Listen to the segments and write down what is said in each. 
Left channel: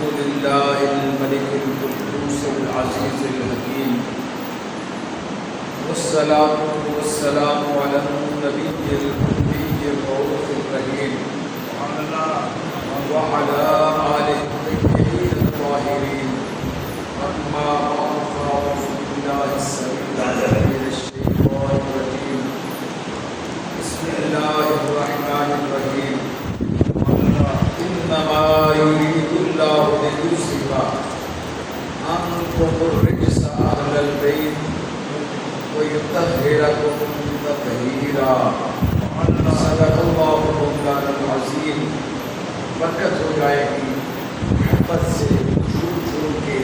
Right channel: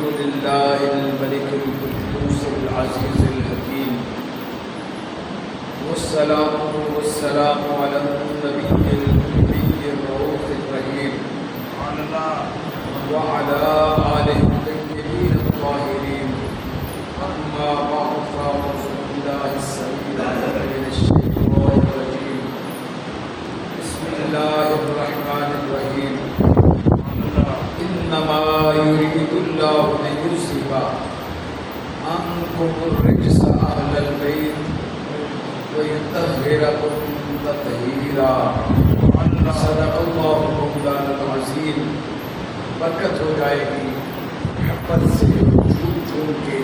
لله الملك القدوس العزيز الحكيم، والصلاة والسلام على النبي الأمي الرؤوف الرحيم وعلى آله الطيبين الطاهرين. أما بعد فأعوذ بالله السميع العليم من الشيطان الرجيم. بسم الله الرحمن الرحيم. إنما يريد الله ليذهب عنكم الرجس أهل البيت ويطهركم تطهيرا. صدق الله مولانا العظيم. برکت ہو جائے گی محبت سے جھوم جھوم کے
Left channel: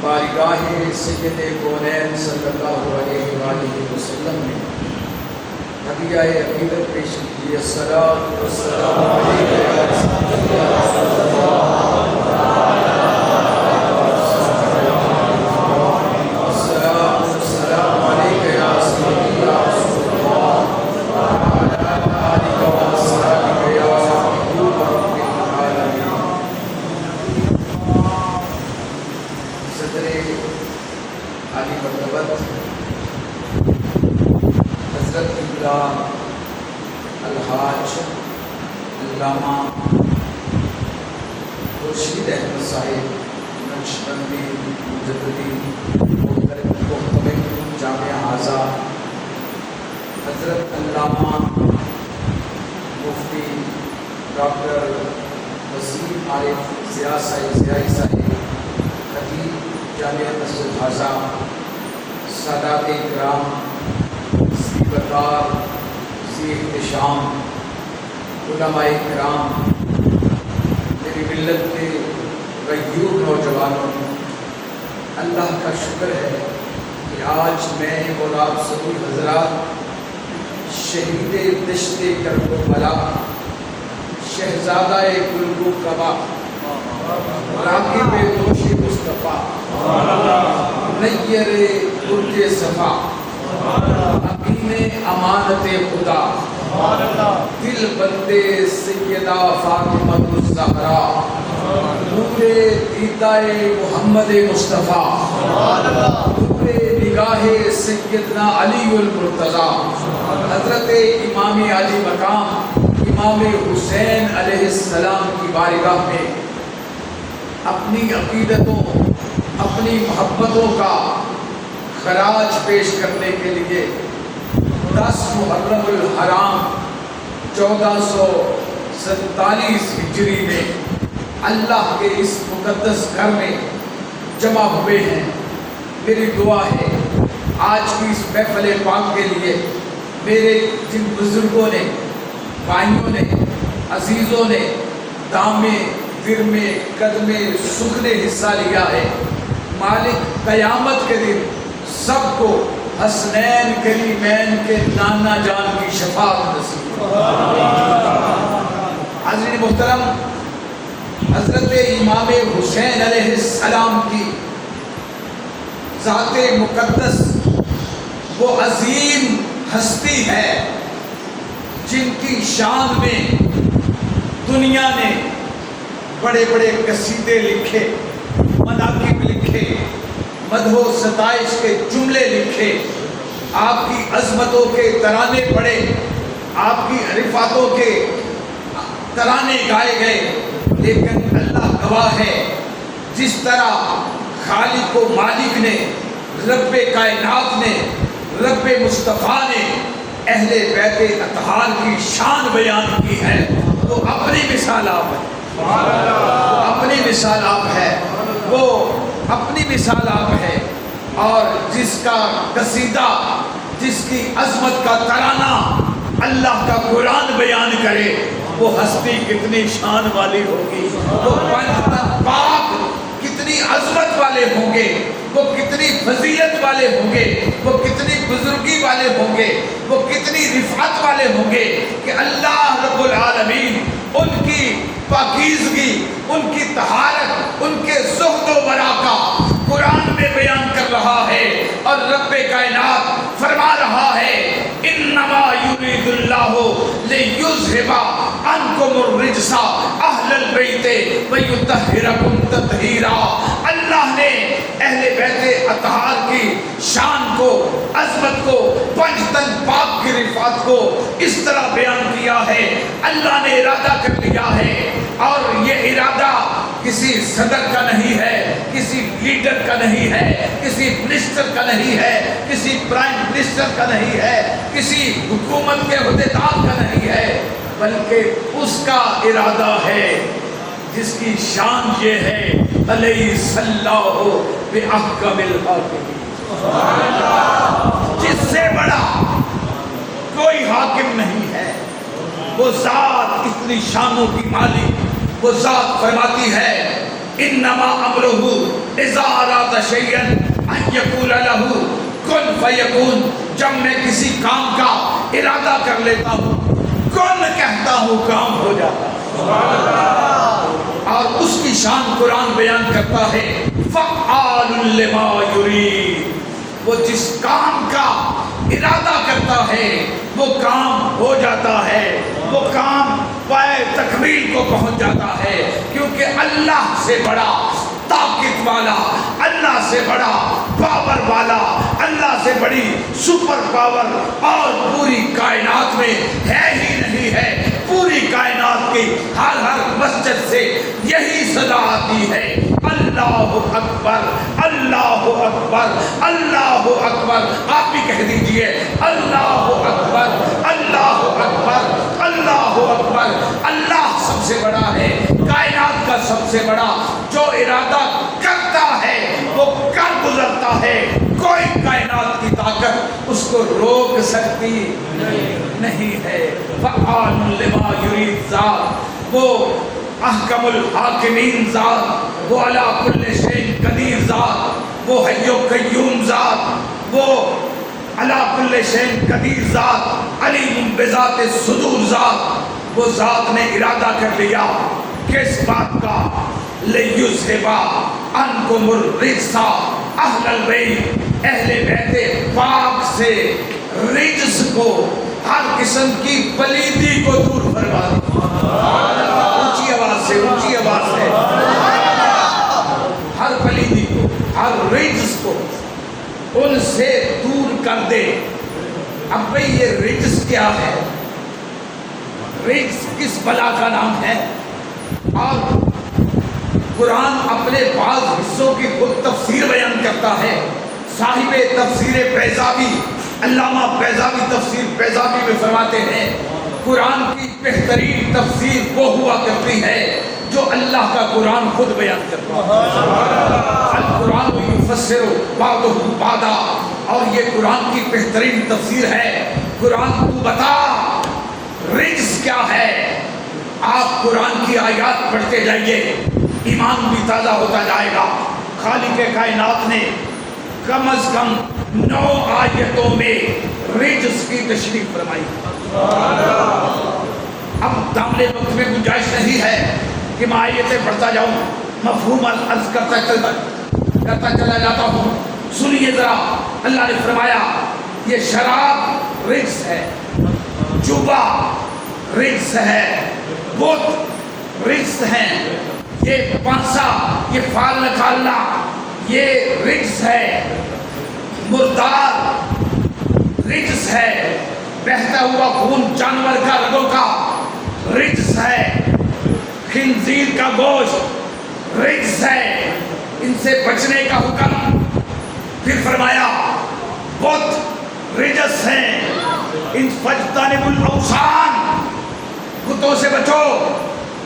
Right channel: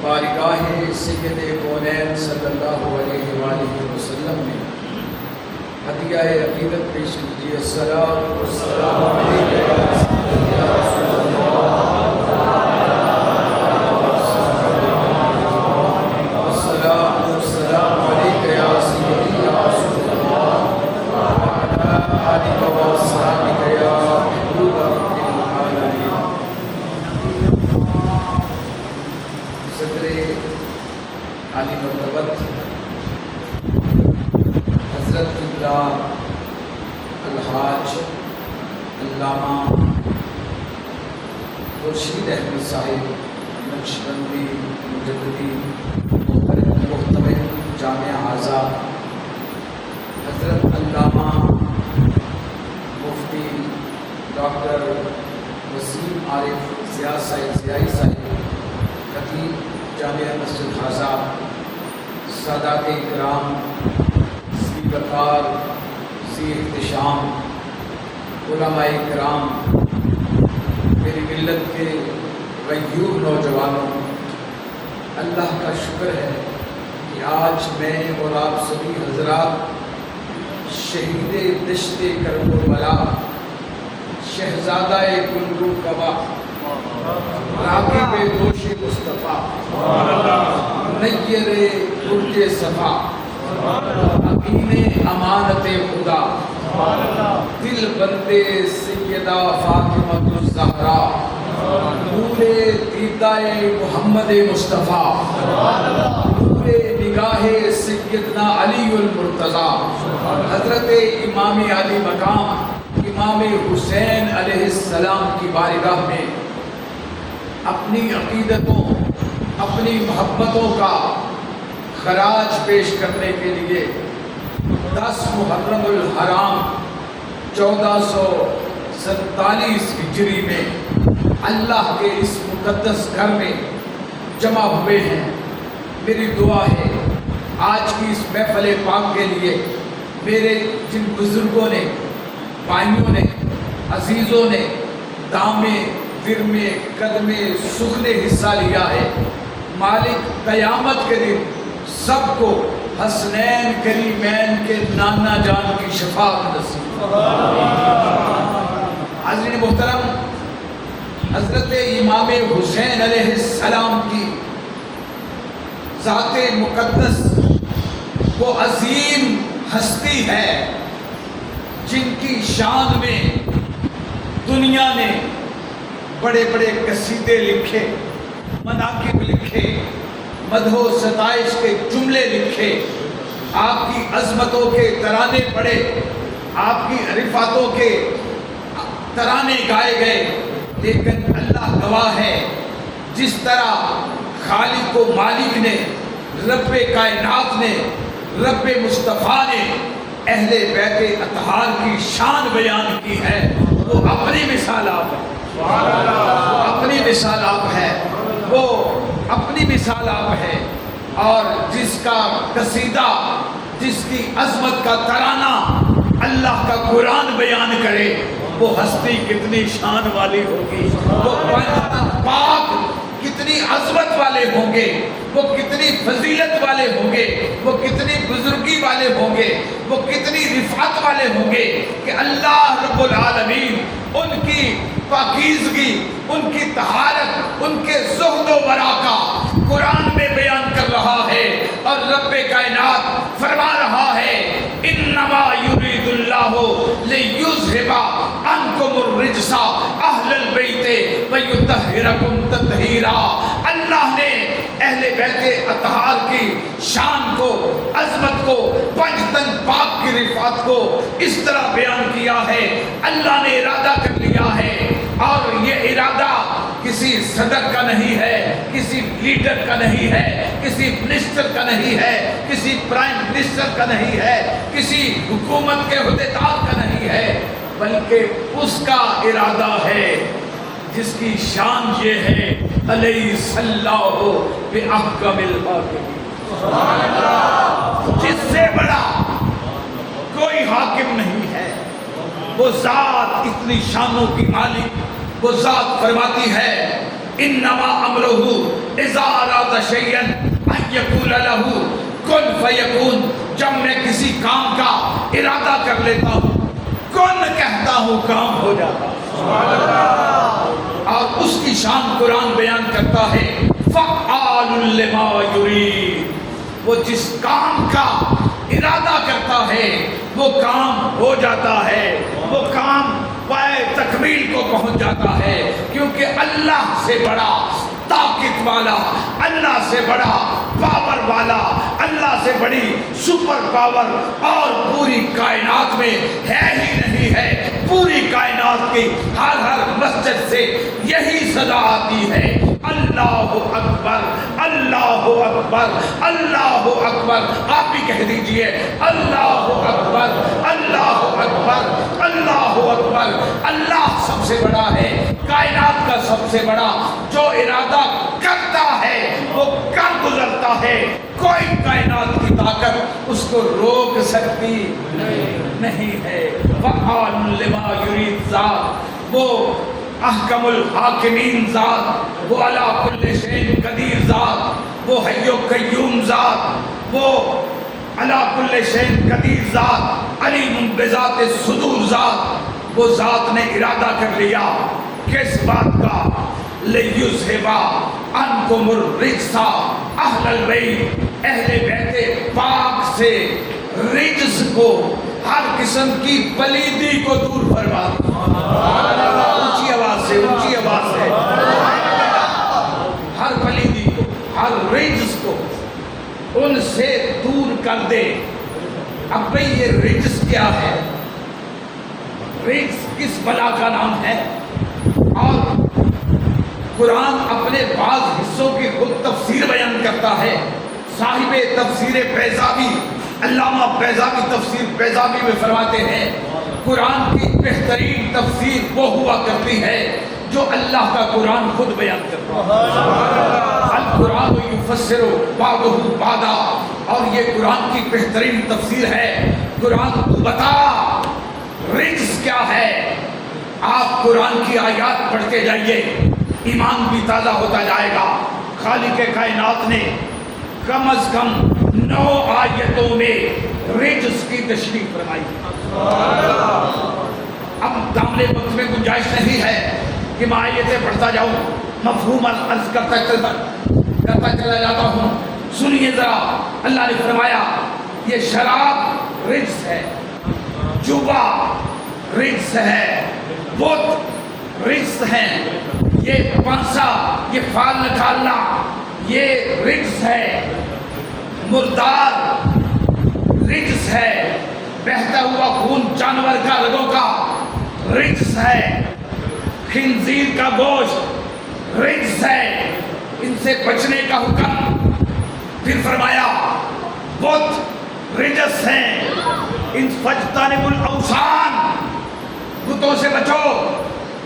بارگاہ سید کونین صلی اللہ علیہ وآلہ وسلم میں ہدیہ عقیدت پیش کیجیے. الصلاۃ والسلام علیک یا سیدی یا رسول اللہ. الصلاۃ والسلام علیک یا سیدی یا رسول اللہ وعلی آلک واصحابک یا محبوب رب العالمین. صدر عالی مرتبت حضرت کبریٰ الحاج علامہ خورشید احمد صاحب نقشبندی مجددی محترم جامعہ حاضہ، حضرت علامہ مفتی ڈاکٹر وسیم عارف ضیائی صاحب خطیب جامعہ مسجد حاضہ، سادات کرام، ذی وقار، ذی احتشام، علماء کرام، میری ملت کے غیور نوجوانوں، اللہ کا شکر ہے کہ آج میں اور آپ سبھی حضرات شہید دشت کرب و بلا، شہزادہ گلگو کبا، راغب دوش مصطفیٰ، نیر برج صفا، امین امانت خدا، دل بندے سیدہ فاطمہ الزہرا، نور دیدہ محمد مصطفیٰ، نور نگاہ سیدنا علی المرتضیٰ، حضرت امام علی مقام امام حسین علیہ السلام کی بارگاہ میں اپنی عقیدتوں، اپنی محبتوں کا خراج پیش کرنے کے لیے 10 محرم الحرام 1447 ہجری میں اللہ کے اس مقدس گھر میں جمع ہوئے ہیں. میری دعا ہے آج کی اس محفل پاک کے لیے میرے جن بزرگوں نے، بھائیوں نے، عزیزوں نے دامے گرمے قدمے سکھ نے حصہ لیا ہے، مالک قیامت کے دن سب کو حسنین کریمین کے نانا جان کی شفاعت نصیب. حاضرین محترم، حضرت امام حسین علیہ السلام کی ذات مقدس وہ عظیم ہستی ہے جن کی شان میں دنیا نے بڑے بڑے قصیدے لکھے، مناقب لکھے، مدح و ستائش کے جملے لکھے، آپ کی عظمتوں کے ترانے پڑے، آپ کی عرفاتوں کے ترانے گائے گئے. لیکن اللہ گواہ ہے جس طرح خالق و مالک نے، رب کائنات نے، رب مصطفیٰ نے اہل بیت اطہار کی شان بیان کی ہے، وہ اپنی مثال آپ ہے، اپنی مثال آپ ہے، وہ اپنی مثال آپ ہے. اور جس کا قصیدہ، جس کی عظمت کا ترانہ اللہ کا قرآن بیان کرے، وہ ہستی کتنی شان والی ہوگی، وہ پاک کتنی عظمت والے ہوں گے، وہ کتنی فضیلت والے ہوں گے، وہ کتنی بزرگی والے ہوں گے، وہ کتنی رفعت والے ہوں گے کہ اللہ رب العالمین ان کی پاکیزگی، ان کی طہارت، ان کے زہد و ورع کا قرآن میں بیان کر رہا ہے اور رب کائنات فرما رہا ہے انما یرید اللہ لیذھب عنکم الرجس اہل البیت ویطہرکم تطہیرا۔ اللہ نے اہل بیت اطہار کی شان کو، عظمت کو، پنج تن پاک کی رفعت کو اس طرح بیان کیا ہے۔ اللہ نے ارادہ کر لیا ہے اور یہ ارادہ کسی صدر کا نہیں ہے، کسی لیڈر کا نہیں ہے، کسی منسٹر کا نہیں ہے، کسی پرائم منسٹر کا نہیں ہے، کسی حکومت کے عہدیدار کا نہیں ہے، بلکہ اس کا ارادہ ہے جس کی شان یہ ہے الیس اللہ بأحکم الحاکمین۔ جس سے بڑا کوئی حاکم نہیں ہے، وہ ذات اتنی شانوں کی مالک، وہ ذات فرماتی ہے انما امرہ اذا اراد شیئا ان یقول لہ کن فیکون۔ جب میں کسی کام کا ارادہ کر لیتا ہوں، کن کہتا ہوں، کام ہو جاتا ہے۔ اور اس کی شان قرآن بیان کرتا ہے فعال لما یرید، وہ جس کام کا ارادہ کرتا ہے وہ کام ہو جاتا ہے، وہ کام پائے تکمیل کو پہنچ جاتا ہے، کیونکہ اللہ سے بڑا طاقت والا، اللہ سے بڑا پاور والا، اللہ سے بڑی سپر پاور اور پوری کائنات میں ہے ہی نہیں ہے۔ پوری کائنات کی ہر مسجد سے یہی صدا آتی ہے اللہ اکبر، اللہ اکبر، اللہ اکبر۔ آپ بھی کہہ دیجئے اللہ اکبر، اللہ اکبر، اللہ اکبر۔ اللہ سب سے بڑا ہے، کائنات کا سب سے بڑا، جو ارادہ کرتا ہے وہ کر گزرتا ہے، کوئی کائنات کی طاقت اس کو روک سکتی نہیں ہے۔ فعال لما یرید ذات، وہ احکم الحاکمین ذات، وہ علی کل شیء قدیر ذات، وہ حی و قیوم ذات، وہ علی کل شیء قدیر ذات، علیم بذات الصدور ذات۔ وہ ذات نے ارادہ کر لیا کس بات کا؟ لیذھب عنکم الرجس اہل البیت، اہل بیت پاک سے رجس کو، ہر قسم کی پلیدی کو دور فرما دی۔ اونچی آواز سے، اونچی آواز سے، ہر پلیدی کو، ہر رجس کو ان سے دور کر دے۔ اب بھئی یہ رجس کیا ہے؟ رجس کس بلا کا نام ہے؟ اور قرآن اپنے بعض حصوں کی خود تفسیر بیان کرتا ہے۔ صاحب تفسیر بیضاوی، علامہ بیضاوی تفسیر بیضاوی میں فرماتے ہیں قرآن کی بہترین تفسیر وہ ہوا کرتی ہے جو اللہ کا قرآن خود بیان کرتا ہے۔ القرآن یفسر بعضہ بعضا، اور یہ قرآن کی بہترین تفسیر ہے۔ قرآن تو بتا رجس کیا ہے؟ آپ قرآن کی آیات پڑھتے جائیے، ایمان بھی تازہ ہوتا جائے گا۔ خالق کائنات نے کم از کم 9 آیتوں میں رجس کی تشریح فرمائی ہے۔ اب دامن وقت میں گنجائش نہیں ہے کہ میں آیتیں پڑھتا جاؤں، مفہوم عرض کرتا چلا جاتا ہوں۔ سنیے ذرا، اللہ نے فرمایا یہ شراب رجس ہے، جوبا رجس ہے، بت رجس ہیں، یہ پانسا، یہ فال نکالنا، یہ رجس ہے، مردار رجس ہے، بہتا ہوا خون جانور کا رگوں کا رجس ہے، خنزیر کا گوشت رجس ہے، ان سے بچنے کا حکم۔ پھر فرمایا بت رجس ہیں، ان فاجتنبوا الاوثان، بتوں سے بچو،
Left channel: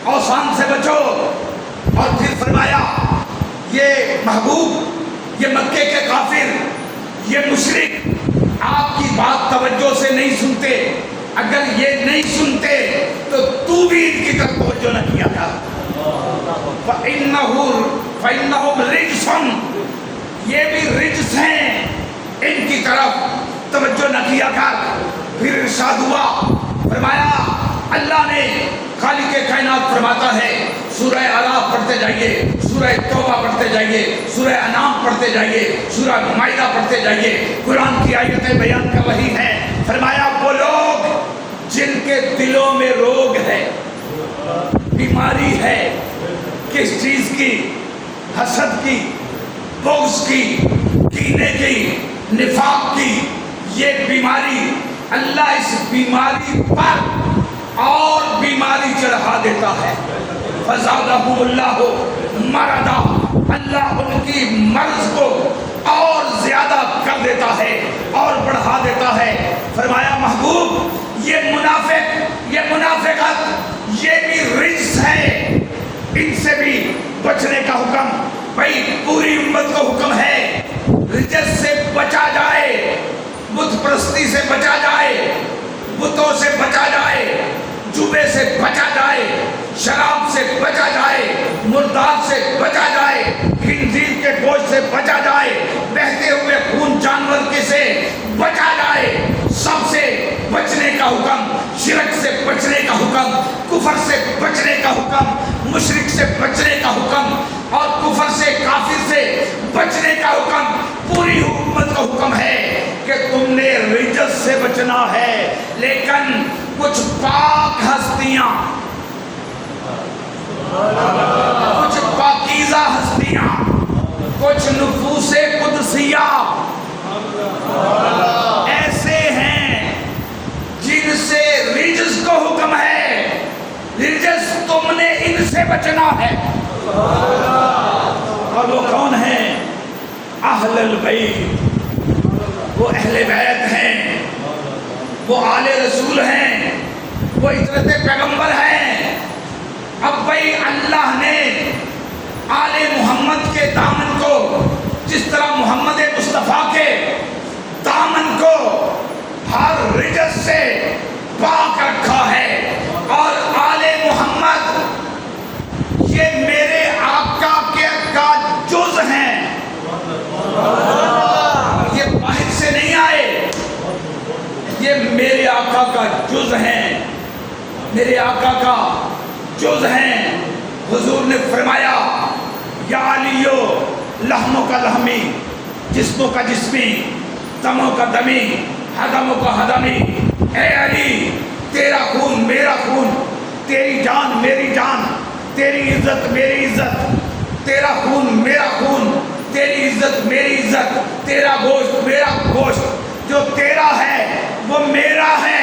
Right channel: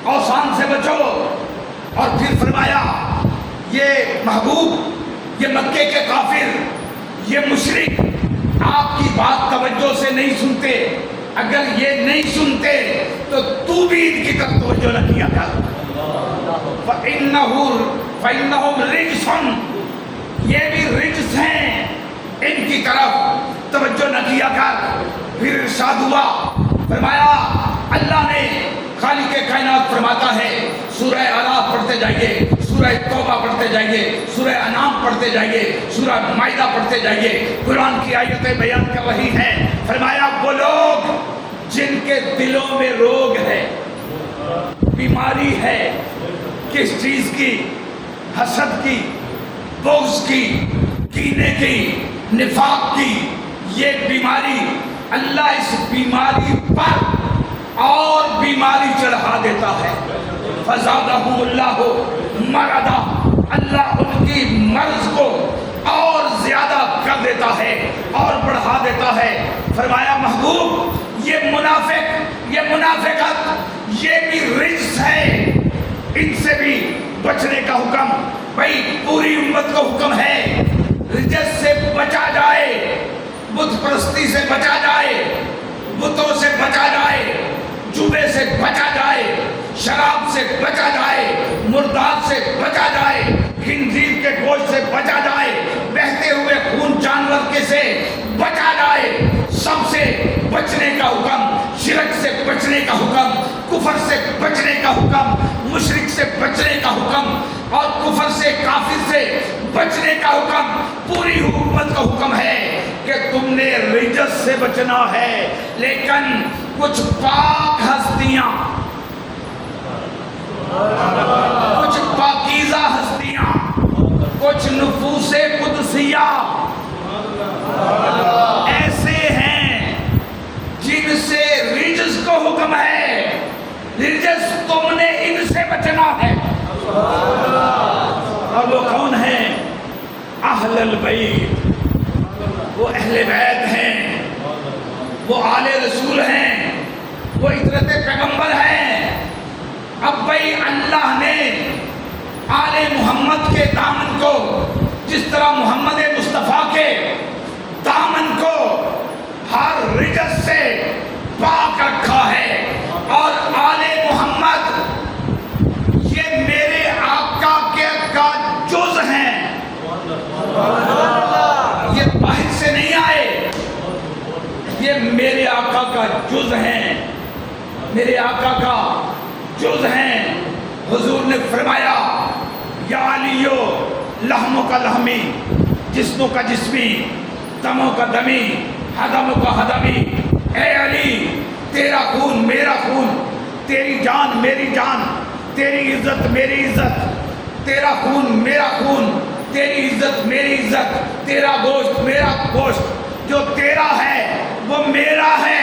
اوثان سے بچو۔ اور پھر فرمایا یہ محبوب، یہ مکے کے کافر، یہ مشرک آپ کی بات توجہ سے نہیں سنتے، اگر یہ نہیں سنتے تو بھی ان کی طرف توجہ نہ کیا کر۔ فَإِنَّهُمْ رِجْسٌ، یہ بھی رجس ہیں، ان کی طرف توجہ نہ کیا کر۔ پھر ارشاد ہوا، فرمایا اللہ نے خالق کائنات فرماتا ہے سورہ اعراف پڑھتے جائیے، سورہ توبہ پڑھتے جائیے، سورہ انعام پڑھتے جائیے، سورہ مائدہ پڑھتے جائیے، قرآن کی آیتیں بیان کر رہی ہیں۔ فرمایا وہ لوگ جن کے دلوں میں روگ ہے، بیماری ہے، کس چیز کی؟ حسد کی، بغض کی، کینے کی، نفاق کی، یہ بیماری، اللہ اس بیماری پر اور بیماری چڑھا دیتا ہے۔ فزادہم اللہ مرضا، اللہ ان کی مرض کو اور زیادہ کر دیتا ہے اور بڑھا دیتا ہے۔ فرمایا محبوب یہ منافق، یہ منافقت، یہ بھی رجس ہے، ان سے بھی بچنے کا حکم بھائی پوری امت کو حکم ہے۔ رجس سے بچا جائے، بت پرستی سے بچا جائے، بتوں سے بچا جائے، جوے سے بچا جائے، شراب سے بچا جائے، مردار سے بچا جائے، خنزیر کے گوشت سے بچا جائے، بہتے ہوئے خون جانور کے سے بچا جائے، سب سے بچنے کا حکم، شرک سے بچنے کا حکم، کفر سے بچنے کا حکم، مشرک سے بچنے کا حکم، اور کفر سے، کافر سے بچنے کا حکم۔ پوری امت کا حکم ہے کہ تم نے رجس سے بچنا ہے، لیکن کچھ پاک ہستیاں، کچھ پاکیزہ ہستیاں، کچھ نفوس قدسیہ ایسے ہیں جن سے رجس کو حکم ہے، رجس تم نے ان سے بچنا ہے۔ اور وہ کون ہیں؟ اہل البیت، وہ اہل بیت ہیں، وہ آل رسول ہیں، وہ عترت پیغمبر ہیں۔ اب بھائی اللہ نے آل محمد کے دامن کو جس طرح محمد مصطفیٰ کے دامن کو ہر رجس سے پاک رکھا ہے، اور آل محمد یہ میرے آقا کے کا جز ہیں، یہ باہر سے نہیں آئے، یہ میرے آقا کا جز ہیں، میرے آقا کا جز ہیں۔ حضور نے فرمایا یا علیو لحموں کا لحمی، جسموں کا جسمی، دموں کا دمی، حدموں کا حدمی۔ اے علی تیرا خون میرا خون، تیری جان میری جان، تیری عزت میری عزت، تیرا خون میرا خون، تیری عزت میری عزت، تیرا گوشت میرا گوشت، جو تیرا ہے وہ میرا ہے،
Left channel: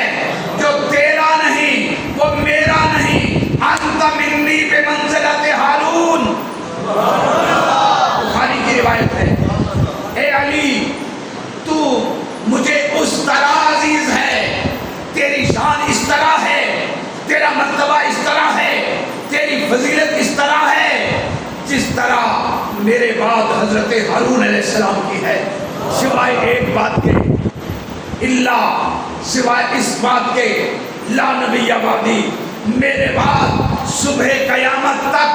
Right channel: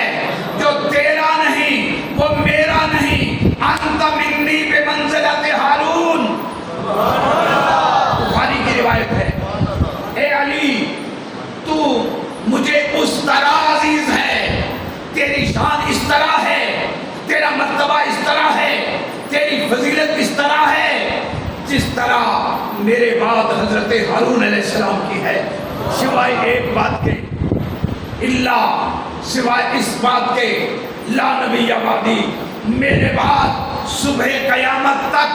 جو تیرا نہیں وہ میرا نہیں۔ انت منی بمنزلت ہارون، بخاری کی روایت ہے۔ اے علی تو مجھے اس طرح عزیز ہے، تیری شان اس طرح ہے، تیرا مرتبہ اس طرح ہے، تیری فضیلت اس طرح ہے جس طرح میرے بعد حضرت ہارون علیہ السلام کی ہے، سوائے ایک بات کے، اللہ سوائے اس بات کے لا نبی بعدی، میرے بعد صبح قیامت تک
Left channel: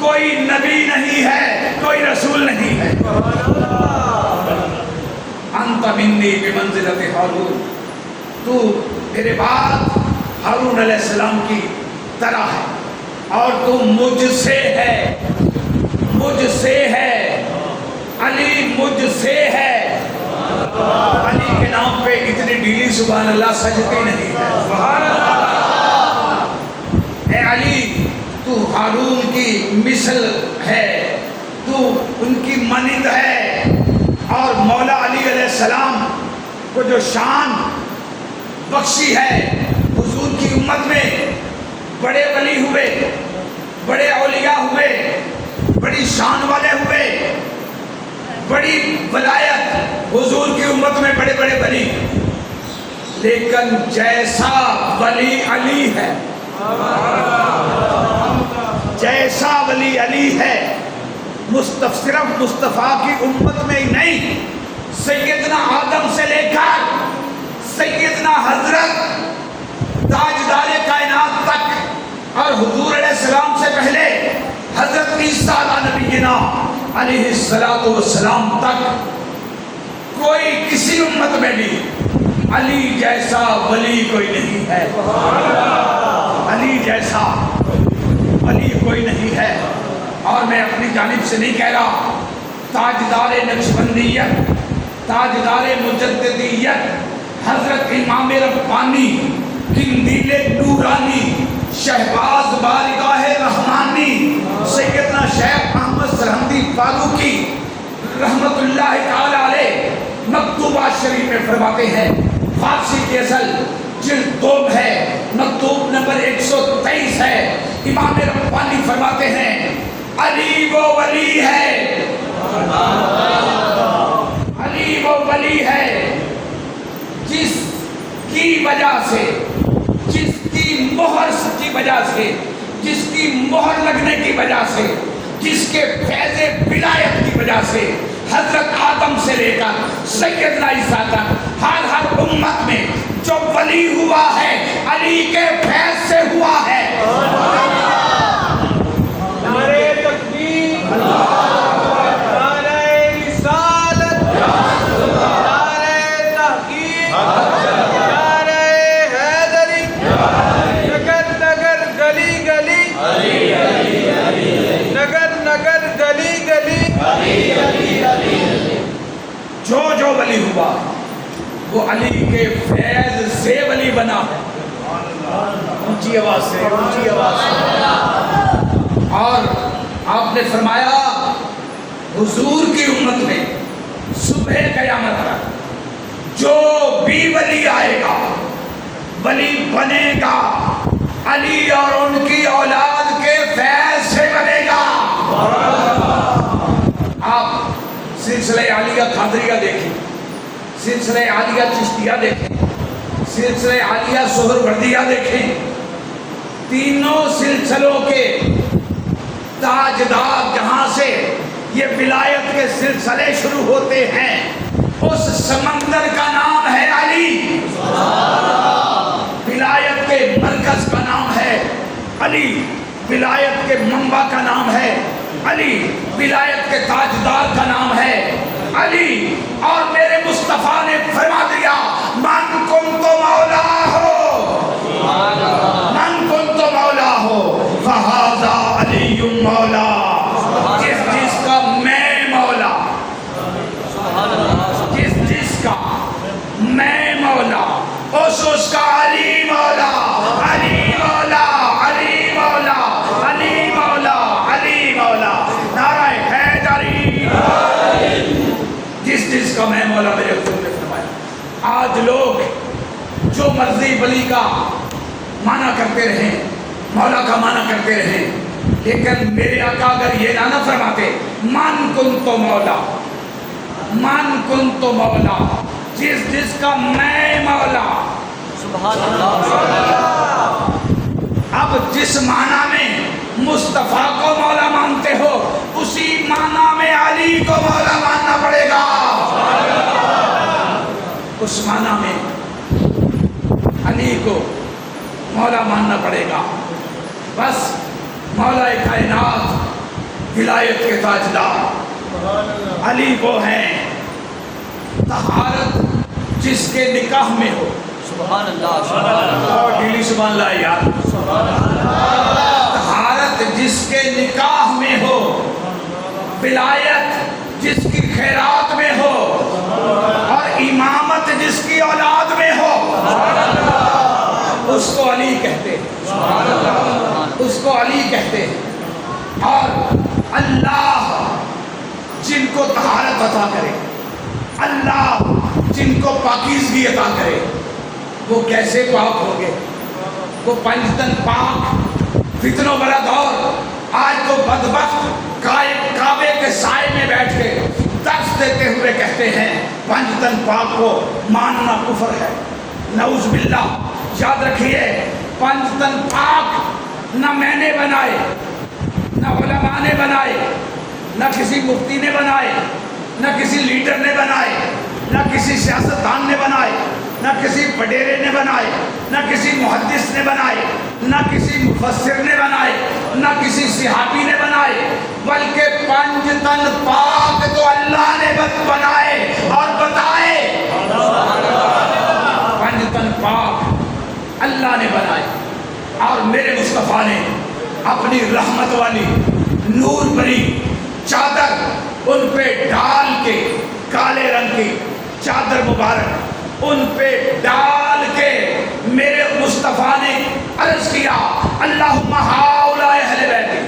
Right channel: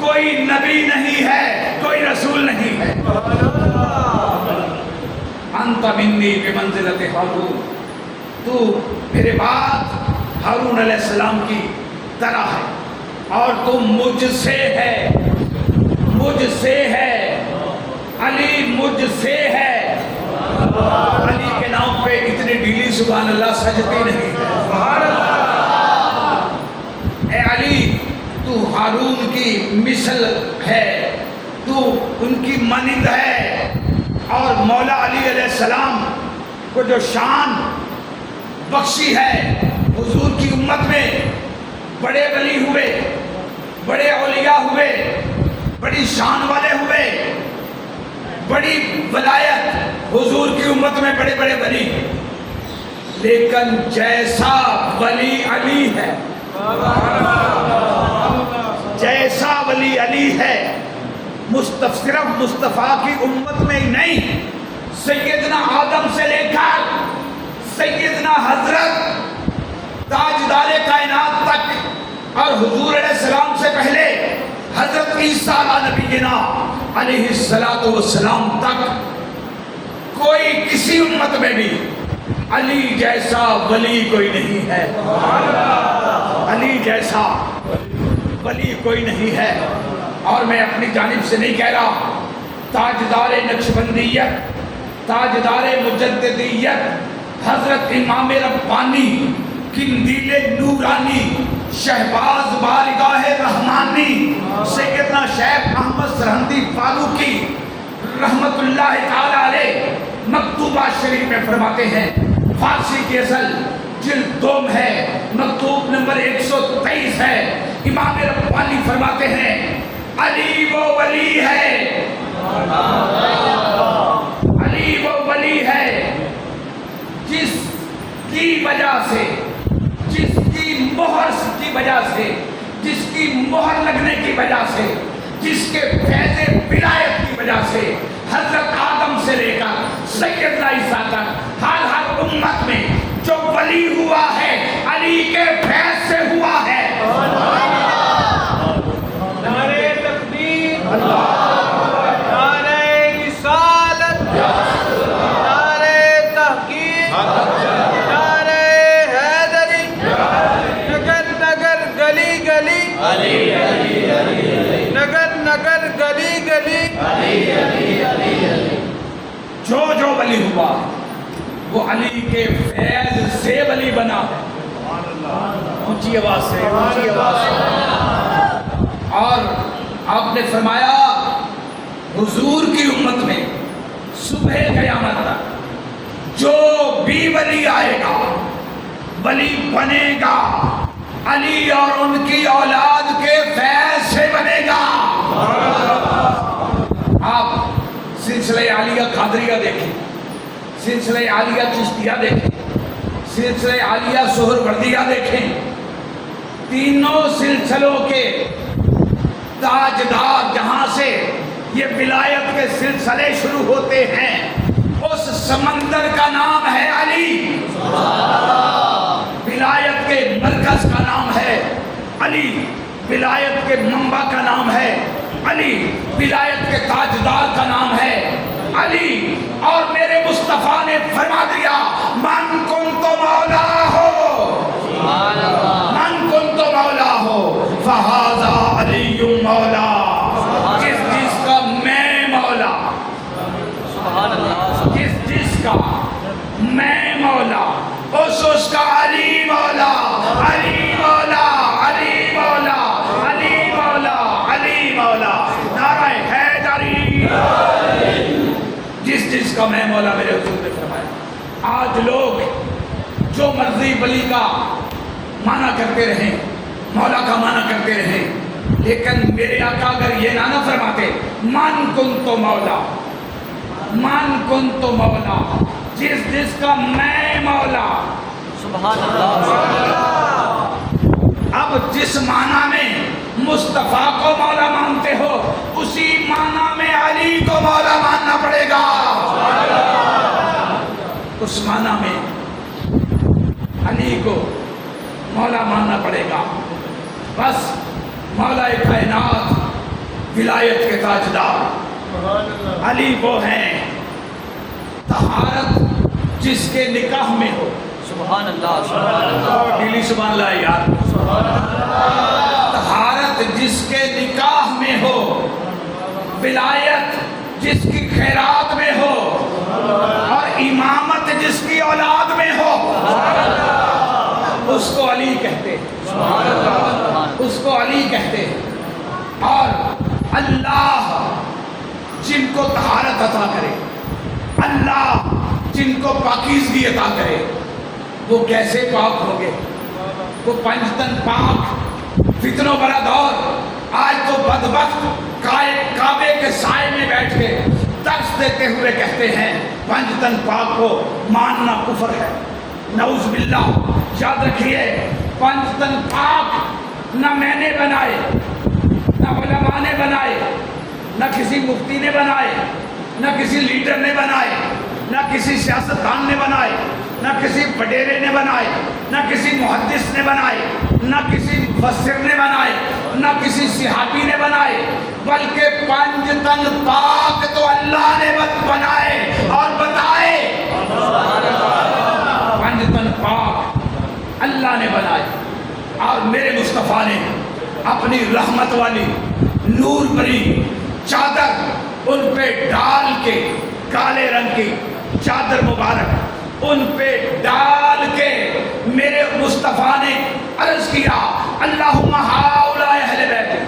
کوئی نبی نہیں ہے، کوئی رسول نہیں ہے۔ انت منی بمنزلت ہارون، تو میرے بعد ہارون علیہ السلام کی طرح ہے، اور تم مجھ سے ہے، مجھ سے ہے، علی مجھ سے ہے۔ علی کے نام پہ اتنی ڈھیلی سبحان اللہ سجتی نہیں ہے۔ اے علی تو ہارون کی مثل ہے، تو ان کی مانند ہے، اور مولا علی علیہ السلام کو جو شان بخشی ہے، حضور کی امت میں بڑے ولی ہوئے، بڑے اولیاء ہوئے، بڑی شان والے ہوئے، بڑی ولایت حضور کی امت میں بڑے بڑے ولی، لیکن جیسا ولی علی ہے، جیسا ولی علی ہے، صرف مصطفیٰ کی امت میں ہی نہیں، سیدنا آدم سے لے کر سیدنا حضرت تاجدار کائنات تک، اور حضور علیہ السلام سے پہلے حضرت عیسیٰ علیہ نبینا علیہ السلام تک کوئی کسی امت میں بھی علی جیسا ولی کوئی نہیں ہے۔ علی جیسا ولی کوئی نہیں ہے. اور میں اپنی جانب سے نہیں کہہ رہا، تاجدار نقشبندیت، تاجدار مجددیت حضرت امام ربانی، قندیل نورانی، شہباز بارگاہ رحمانی سیدنا شیخ احمد سرہندی فاروقی رحمت اللہ تعالی علیہ مکتوبہ شریف میں فرماتے ہیں، فارسی کے اصل جلد 2 ہے، مکتوب نمبر 123 ہے. امام ربانی فرماتے ہیں علی وہ ولی ہے، علی وہ ولی ہے جس کی وجہ سے، جس کی مہر کی وجہ سے، جس کی مہر لگنے کی وجہ سے، جس کے فیض ولایت کی وجہ سے حضرت آدم سے لے کر سیدنا عیسیٰ تک ہر امت میں جو ولی ہوا ہے علی کے فیض سے ہوا ہے. نعرہ تکبیر، نعرہ رسالت، نعرہ تحقیق، نعرہ حیدری، نگر نگر گلی گلی، نگر نگر گلی گلی، جو ولی ہوا وہ علی کے فیض سے ولی بنا ہے. اونچی آواز سے، اونچی آواز سے. اور آپ نے فرمایا حضور کی امت میں صبح قیامت تک جو بھی ولی آئے گا، ولی بنے گا، علی اور ان کی اولاد کے فیض سے بنے گا. آپ سلسلہ عالیہ قادریہ دیکھیں، سلسلہ عالیہ چشتیہ دیکھیں، سلسلہ عالیہ سہروردیہ دیکھیں. تینوں سلسلوں کے تاجدار جہاں سے یہ ولایت کے سلسلے شروع ہوتے ہیں اس سمندر کا نام ہے علی. ولایت کے مرکز کا نام ہے علی، ولایت کے منبع کا نام ہے علی، ولایت کے تاجدار کا نام ہے علی. اور میرے مصطفیٰ نے فرما دیا من کنت مولا ہو، من کنت مولا ہو فہذا علی مولا. جس کا میں مولا، جس کا میں مولا اس کا علی مولا، علی مولا، علی مولا، علی مولا، علی مولا. نعرہ حیدری. جس کا میں مولا میرے حضور نے فرمایا. آج لوگ جو مرضی ولی کا معنی کرتے رہیں، مولا کا معنی کرتے رہیں، لیکن میرے آقا اگر یہ نہ فرماتے من کنت مولا، من کنت مولا، جس کا میں مولا. سبحان اللہ. اب جس معنی میں مصطفیٰ کو مولا مانتے ہو اسی معنی میں علی کو مولا ماننا پڑے گا. اس معنی میں علی کو مولا ماننا پڑے گا. بس مولا کائنات، ولایت کے تاجدار علی وہ ہیں طہارت جس کے نکاح میں ہو. سبحان اللہ، سبحان اللہ. اور ڈیلی سبحان اللہ یار. طہارت جس کے نکاح میں ہو، ولایت جس کی خیرات میں ہو، اور امامت جس کی اولاد میں ہو، اس کو علی کہتے ہیں، اس کو علی کہتے ہیں. اور اللہ جن کو طہارت عطا کرے، اللہ جن کو پاکیزگی عطا کرے، وہ کیسے پاک ہوں گے؟ وہ پنجتن پاک. فتنوں بڑا دور. آج تو بدبخت کعبے کے سائے میں بیٹھ کے درس دیتے ہوئے کہتے ہیں پنجتن پاک کو ماننا کفر ہے. نعوذ باللہ. یاد رکھیے پنجتن پاک نہ میں نے بنائے، نہ علماء نے بنائے، نہ کسی مفتی نے بنائے، نہ کسی لیڈر نے بنائے، نہ کسی سیاستدان نے بنائے، نہ کسی وڈیرے نے بنائے، نہ کسی محدث نے بنائے، نہ کسی مفسر نے بنائے، نہ کسی صحابی نے بنائے، بلکہ پنجتن پاک تو اللہ نے بنائے اور بتائے. پنجتن پاک اللہ نے بنائے اور میرے مصطفیٰ نے اپنی رحمت والی نور بری چادر ان پہ ڈال کے، کالے رنگ کی چادر مبارک ان پہ ڈال کے میرے مصطفیٰ نے عرض کیا اللہم ہؤلاء اہل بیتی.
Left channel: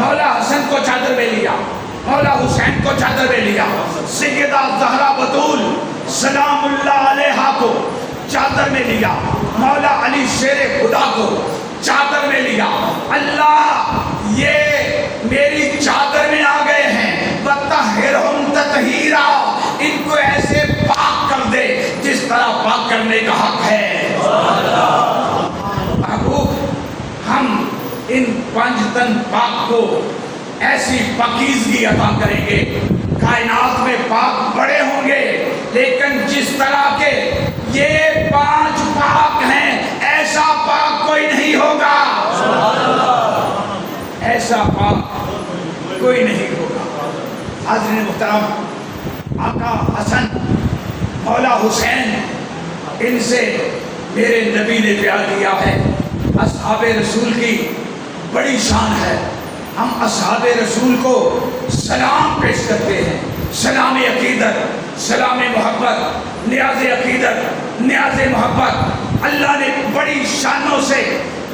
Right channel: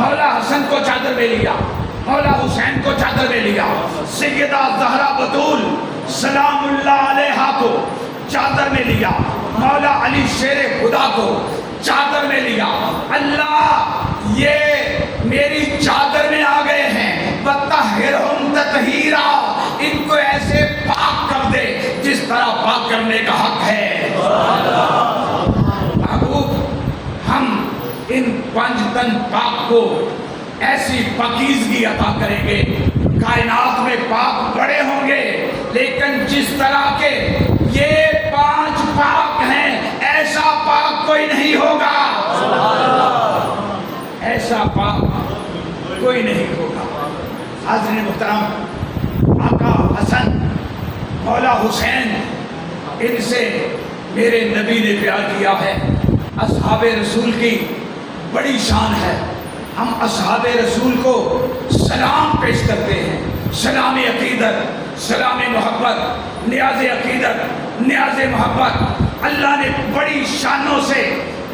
مولا حسن کو چادر میں لیا، مولا حسین کو چادر میں لیا، سیدہ زہرا بطول سلام اللہ علیہا کو چادر میں لیا، مولا علی شیر خدا کو چادر میں لیا. اللہ یہ میری چادر میں آ گئے ہیں، وَطَہِّرْهُمْ تَطْہِیرًا، ان کو ایسے پاک کر دے جس طرح پاک کرنے کا حق ہے. محبوب ہم ان 5 تن پاک کو ایسی پاکیزگی عطا کریں گے، کائنات میں پاک بڑے ہوں گے لیکن جس طرح کے یہ 5 پاک ہیں ایسا پاک کوئی نہیں ہوگا، ایسا پاک کوئی نہیں ہوگا. حاضرین محترم، آقا حسن مولا حسین ان سے میرے نبی نے پیار کیا ہے. اصحاب رسول کی بڑی شان ہے، ہم اصحاب رسول کو سلام پیش کرتے ہیں، سلام عقیدت، سلام محبت، نیاز عقیدت، نیاز محبت. اللہ نے بڑی شانوں سے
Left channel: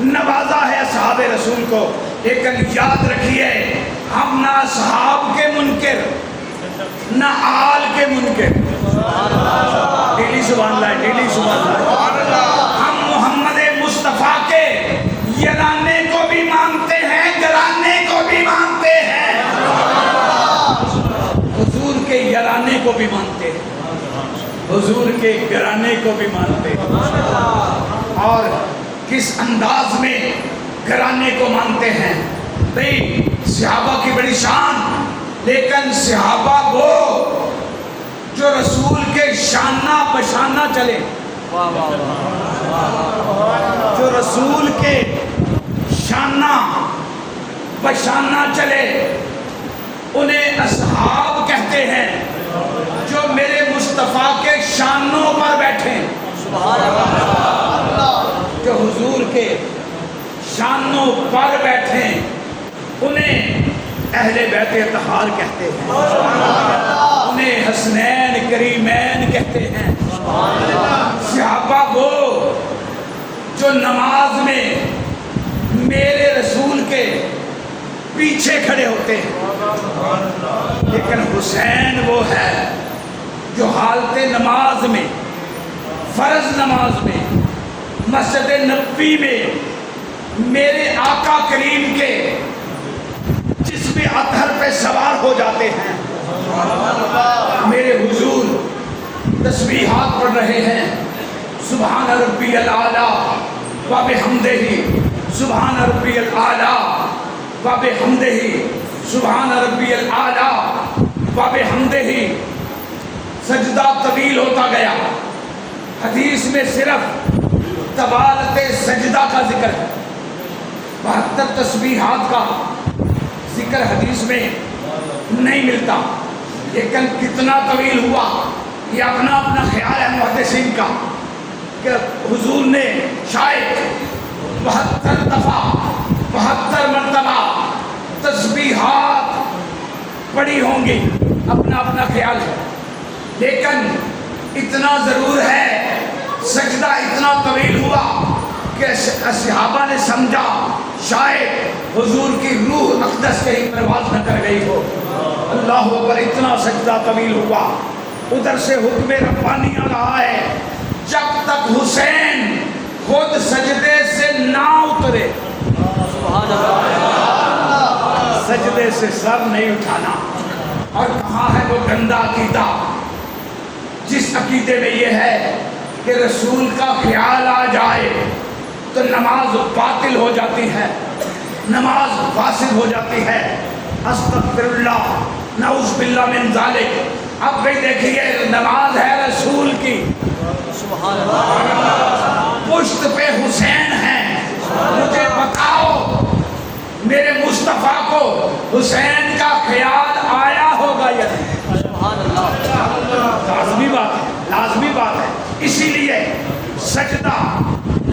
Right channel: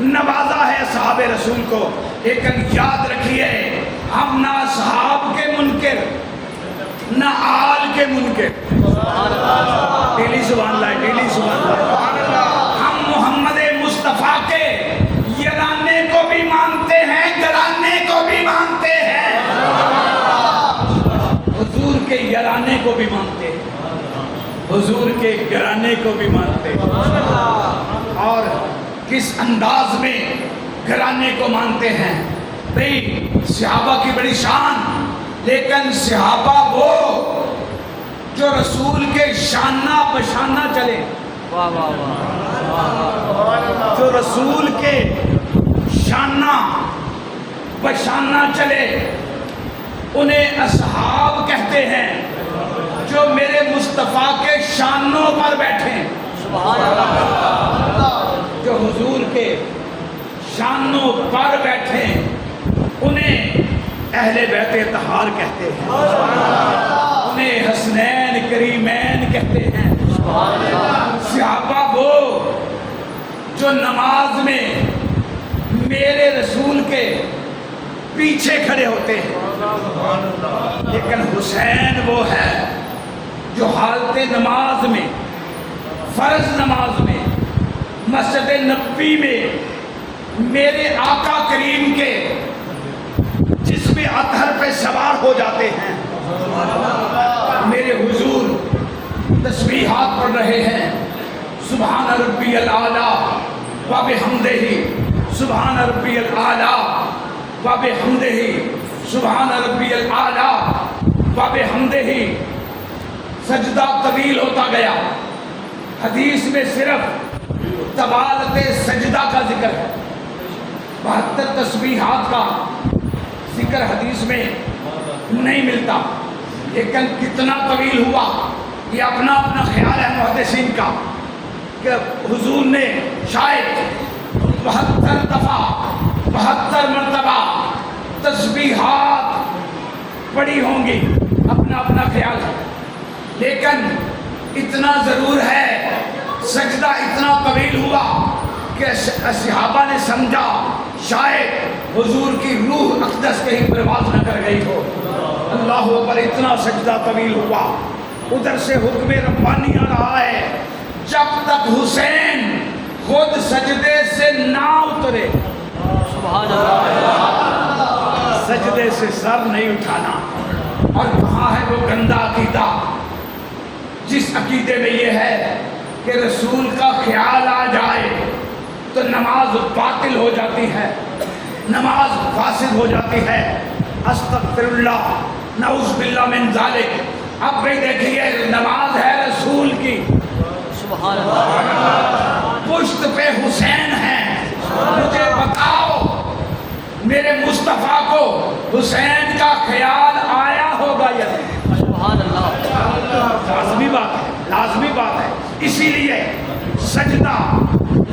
نوازا ہے اصحاب رسول کو، لیکن یاد رکھیے ہم نہ اصحاب کے منکر نہ آل کے منکر. ڈیلی سبحان اللہ، ڈیلی سبحان اللہ. ہم محمد مصطفیٰ کے یرانے کو بھی مانتے ہیں، گرانے کو بھی مانتے ہیں، حضور کے یرانے کو بھی مانتے ہیں، حضور کے گرانے کو بھی مانتے ہیں. اور کس انداز میں گرانے کو مانتے ہیں؟ بھئی صحابہ کی بڑی شان، لیکن صحابہ وہ جو رسول کے شانہ بشانہ چلے، جو رسول کے شانہ بشانہ چلے انہیں اصحاب کہتے ہیں. جو میرے مصطفیٰ کے شانوں پر بیٹھیں، جو حضور کے شانوں پر بیٹھیں انہیں اہل بیت اطہار کہتے ہیں، انہیں حسنین کریمین کہتے ہیں. صحابہ وہ جو نماز میں میرے رسول کے پیچھے کھڑے ہوتے ہیں، لیکن حسین وہ ہے جو حالت نماز میں، فرض نماز میں، مسجد نبوی میں میرے آقا کریم کے جسم اطہر پہ سوار ہو جاتے ہیں. میرے حضور تسبیحات پڑھ رہے ہیں، سبحان ربی الاعلیٰ وبحمدہ، سبحان ربی الاعلیٰ وبحمدہ، سبحان ربی الاعلیٰ وبحمدہ. سجدہ طویل ہوتا گیا. حدیث میں صرف طوالت سجدہ کا ذکر ہے، 72 تسبیحات کا ذکر حدیث میں نہیں ملتا. لیکن کتنا طویل ہوا یہ اپنا اپنا خیال ہے محدثین کا، کہ حضور نے شاید 72 دفعہ 72 مرتبہ تسبیحات پڑھی ہوں گی، اپنا اپنا خیال ہے. لیکن اتنا ضرور ہے سجدہ اتنا طویل ہوا کہ صحابہ نے سمجھا شاید حضور کی روح اقدس کہیں پرواز نہ کر گئی ہو. اللہ اکبر، اتنا سجدہ طویل ہوا. ادھر سے حکم ربانی آ رہا ہے جب تک حسین خود سجدے سے نہ اترے، سجدے سے سر نہیں اٹھانا. اور کہاں ہے وہ گندا عقیدہ جس عقیدے میں یہ ہے کہ رسول کا خیال آ جائے تو نماز باطل ہو جاتی ہے، نماز فاسد ہو جاتی ہے. استغفر اللہ، نعوذ باللہ من ذالک. اب بھی دیکھیے نماز ہے رسول کی، پشت پہ حسین ہے. مجھے بتاؤ میرے مصطفیٰ کو حسین کا خیال آیا ہوگا یا نہیں؟ لازمی بات ہے، لازمی بات ہے. اسی لیے سجدہ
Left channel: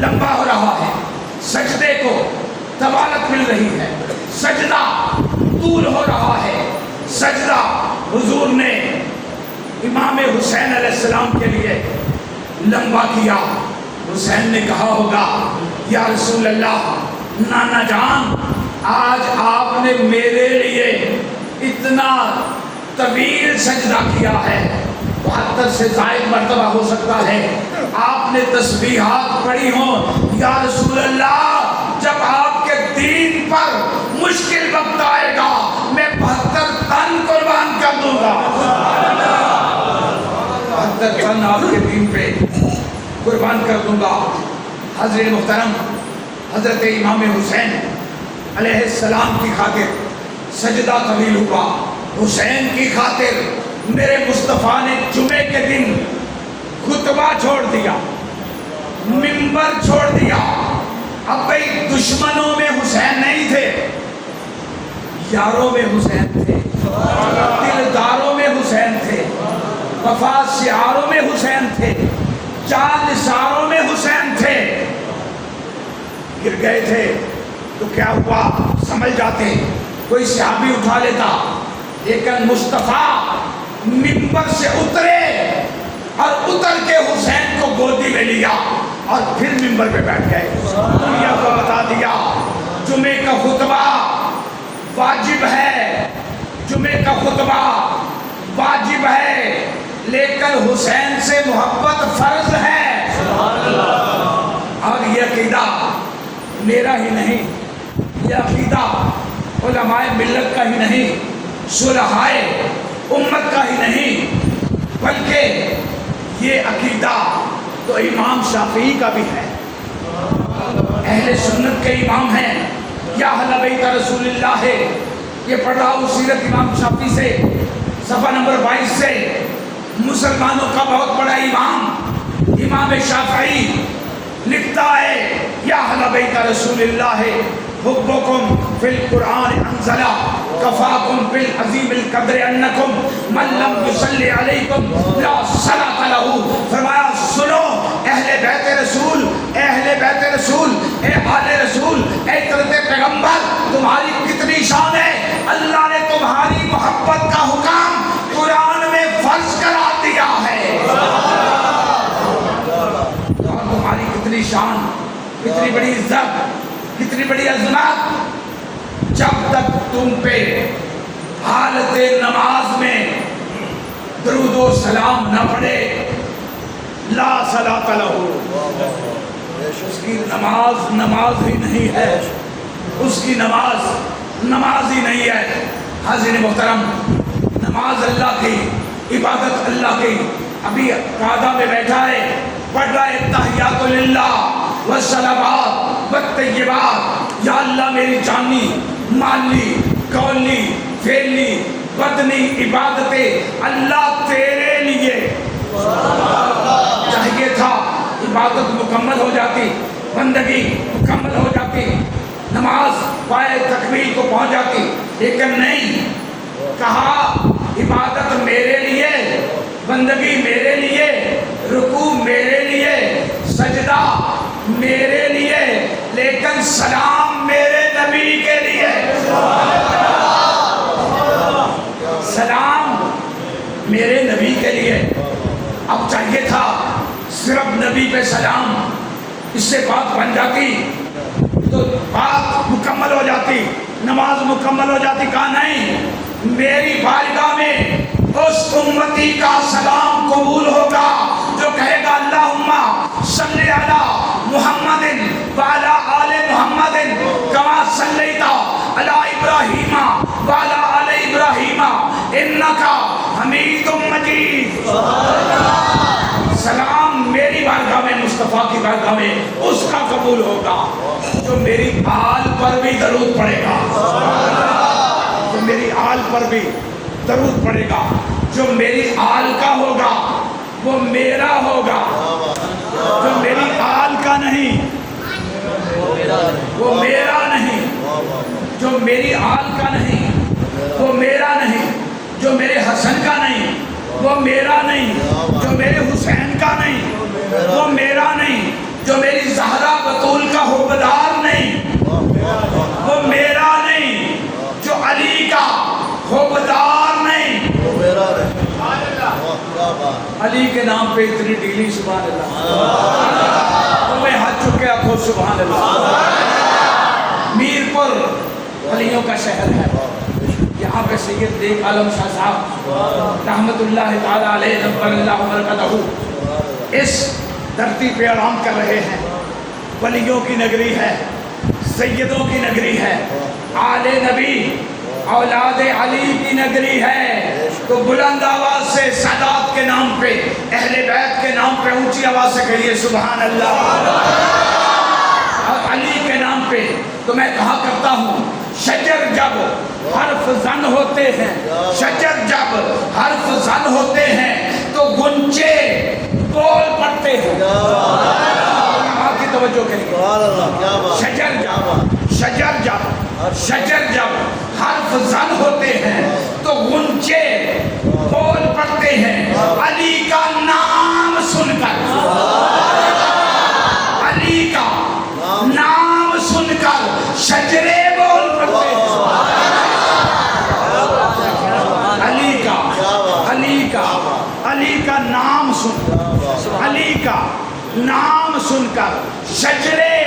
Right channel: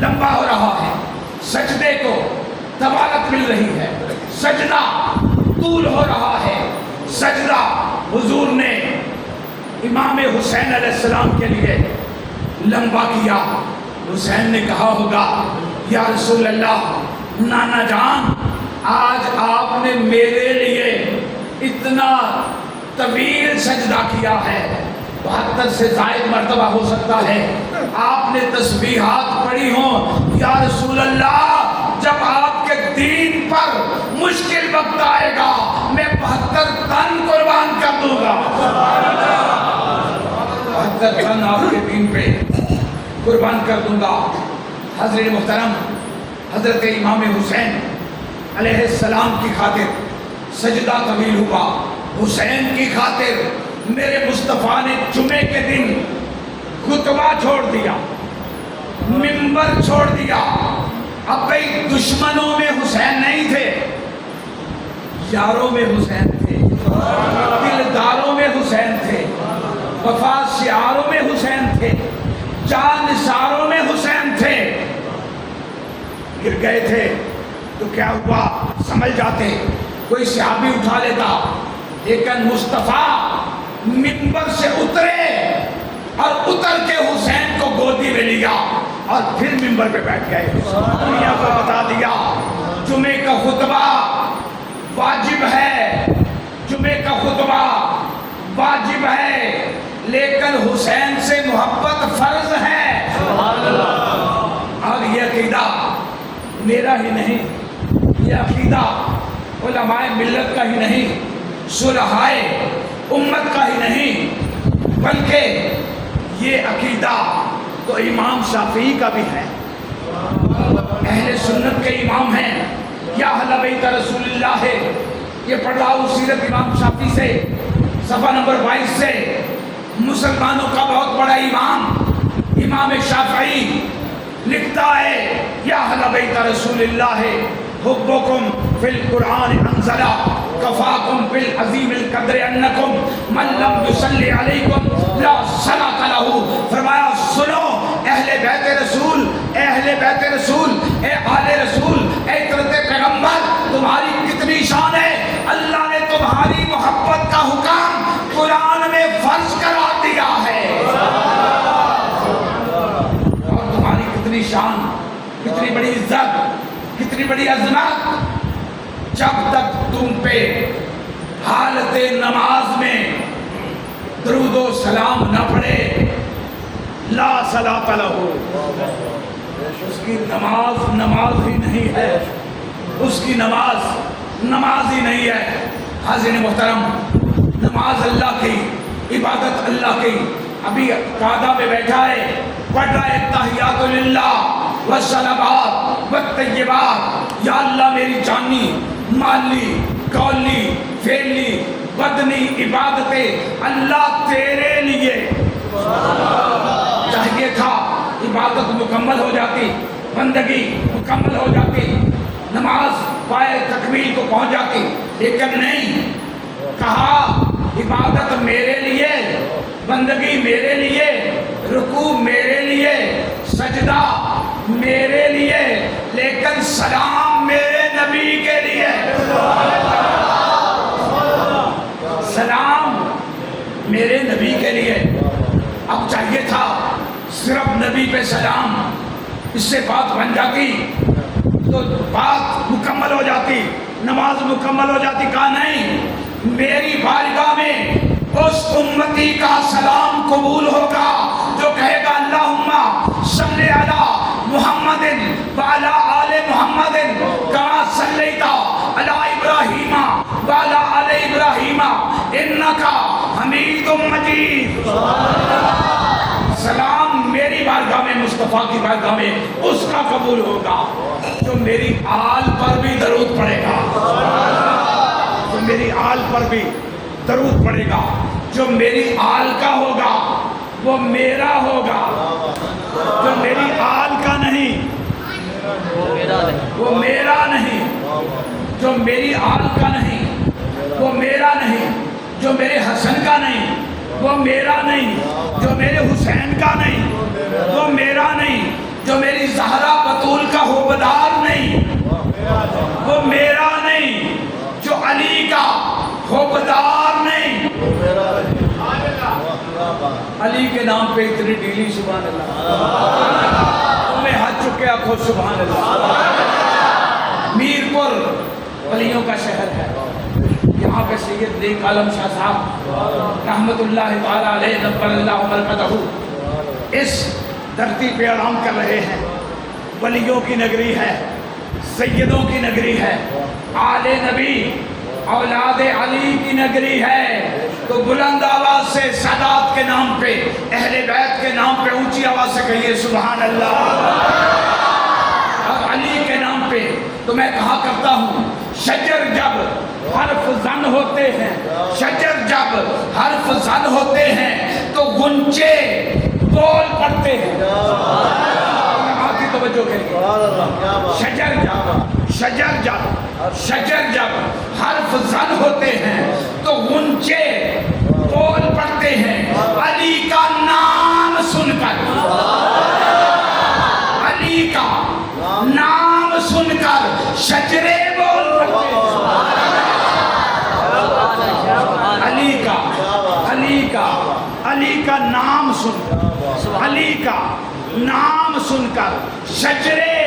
لمبا ہو رہا ہے، سجدے کو طوالت مل رہی ہے، سجدہ طول ہو رہا ہے، سجدہ حضور نے امام حسین علیہ السلام کے لیے لمبا کیا۔ حسین نے کہا ہوگا یا رسول اللہ، نانا جان آج آپ نے میرے لیے اتنا طویل سجدہ کیا ہے، 72 سے زائد مرتبہ ہو سکتا ہے، آپ نے تسبیحات پڑھی ہوں، یا رسول اللہ جب آپ کے دین پر مشکل وقت آئے گا میں 72 تن قربان کر دوں گا، 72 تن آپ کے دین پہ قربان کر دوں گا۔ حضرت محترم، حضرت امام حسین علیہ السلام کی خاطر سجدہ طویل ہوا، حسین کی خاطر میرے مصطفیٰ نے جمعے کے دن خطبہ چھوڑ دیا، منبر چھوڑ دیا۔ اب بھئی دشمنوں میں حسین نہیں تھے، یاروں میں حسین تھے، دلداروں میں حسین تھے، وفا شعاروں میں حسین تھے، چاند نثاروں میں حسین تھے۔ گر گئے تھے تو کیا ہوا سمجھ جاتے، کوئی صحابی اٹھا لیتا، لیکن مصطفیٰ منبر سے اترے اور اتر کے حسین کو گودی میں لیا اور پھر منبر پہ بیٹھ گئے، دنیا کو بتا دیا جمعے کا خطبہ واجب ہے، جمعے کا خطبہ واجب ہے، لیکن حسین سے محبت فرض ہے۔ اور یہ عقیدہ میرا ہی نہیں، یہ عقیدہ علماء ملت کا ہی نہیں، صلحائے امت کا ہی نہیں، بلکہ یہ عقیدہ تو امام شافعی کا بھی ہے، اہل سنت کے امام ہیں، یا اہل بیت رسول اللہ ہے۔ یہ پڑھ رہا ہوں سیرت امام شافعی سے، صفحہ نمبر 22 سے، مسلمانوں کا بہت بڑا امام امام شافعی لکھتا ہے یا اہل بیت رسول اللہ حبکم فی القرآن انزلا کفاکم بالعظیم القدر انکم من لم یصلی علیکم لا صلاۃ لہ۔ فرمایا سنو اہل بیت رسول، اہل بیت رسول، اے آل رسول، اے ترت پیغمبر، تمہاری کتنی شان ہے، اللہ نے تمہاری محبت کا حکم قرآن میں فرض کرا دیا ہے، اور تمہاری کتنی شان، کتنی بڑی عزت، کتنی بڑی عظمت، جب تک تم پہ حالت نماز میں درود و سلام نہ پڑھے لا صلاۃ لہ، اس کی نماز نماز ہی نہیں ہے، اس کی نماز نماز ہی نہیں ہے۔ حاضرین محترم، نماز اللہ کی، عبادت اللہ کی، ابھی قعدہ میں بیٹھا ہے، پڑھ رہا ہے تحیات للہ والصلوات والطیبات، یا اللہ میری جانی، مالی، قولی، فعلی، بدنی عبادتیں اللہ تیرے لیے، چاہیے تھا عبادت مکمل ہو جاتی، بندگی مکمل ہو جاتی، نماز پائے تکمیل کو پہنچ جاتی، لیکن نہیں، کہا عبادت میرے لیے، بندگی میرے لیے، رکوع میرے لیے، سجدہ میرے لیے، لیکن سلام میرے نبی کے لیے، سلام میرے نبی کے لیے۔ اب چاہیے تھا صرف نبی پہ سلام، اس سے بات بن جاتی تو بات مکمل ہو جاتی، نماز مکمل ہو جاتی، کہا نہیں، میری بارگاہ میں اس امتی کا سلام قبول ہوگا جو کہے گا اللہم صلی علی محمد وعلی آل محمد کما صلیت علی ابراہیم وعلی آل ابراہیم انکا حمید مجید۔ سلام میری بارگاہ میں، مصطفیٰ کی بارگاہ میں اس کا قبول ہوگا جو میری آل پر بھی درود پڑے گا، جو میری آل پر بھی درود پڑے گا، جو میری آل کا ہوگا وہ میرا ہوگا، جو میری آل کا نہیں وہ میرا نہیں، جو میری آل کا نہیں وہ میرا نہیں، جو میرے حسن کا نہیں وہ میرا نہیں، جو میرے حسین کا نہیں وہ میرا نہیں، جو میری زہرا بطول کا حوبدار نہیں، وہ میرا نہیں، جو علی کا حوبدار نہیں، علی کے نام پہ اتنی ڈیلی، سبحان اللہ، تمہیں ہاتھ چکے آخو سبحان اللہ۔ میرپور ولیوں کا شہر ہے، یہاں پہ سید نیک عالم شاہ صاحب رحمت اللہ تعالیٰ علیہ نور اللہ مرکزہ اس دھرتی پہ آرام کر رہے ہیں۔ ولیوں کی نگری ہے، سیدوں کی نگری ہے، آل نبی اولاد علی کی نگری ہے، تو بلند آواز سے سادات کے نام پہ، اہل بیت کے نام پہ اونچی آواز سے کہیے سبحان اللہ۔ اور علی کے نام پہ تو میں کہا کرتا ہوں، شجر جب حرف زن ہوتے ہیں، شجر جب حرف زن ہوتے ہیں تو گنچے بول پڑتے ہیں۔ آپ کی توجہ کریے، شجر جب حرف زن ہوتے ہیں تو گنچے بول پڑتے ہیں، علی کا نام سن کر، علی کا نام سن کر شجرے بول پڑتے ہیں۔ علی کا نام سن کر، علی کا نام سن کر شجرے،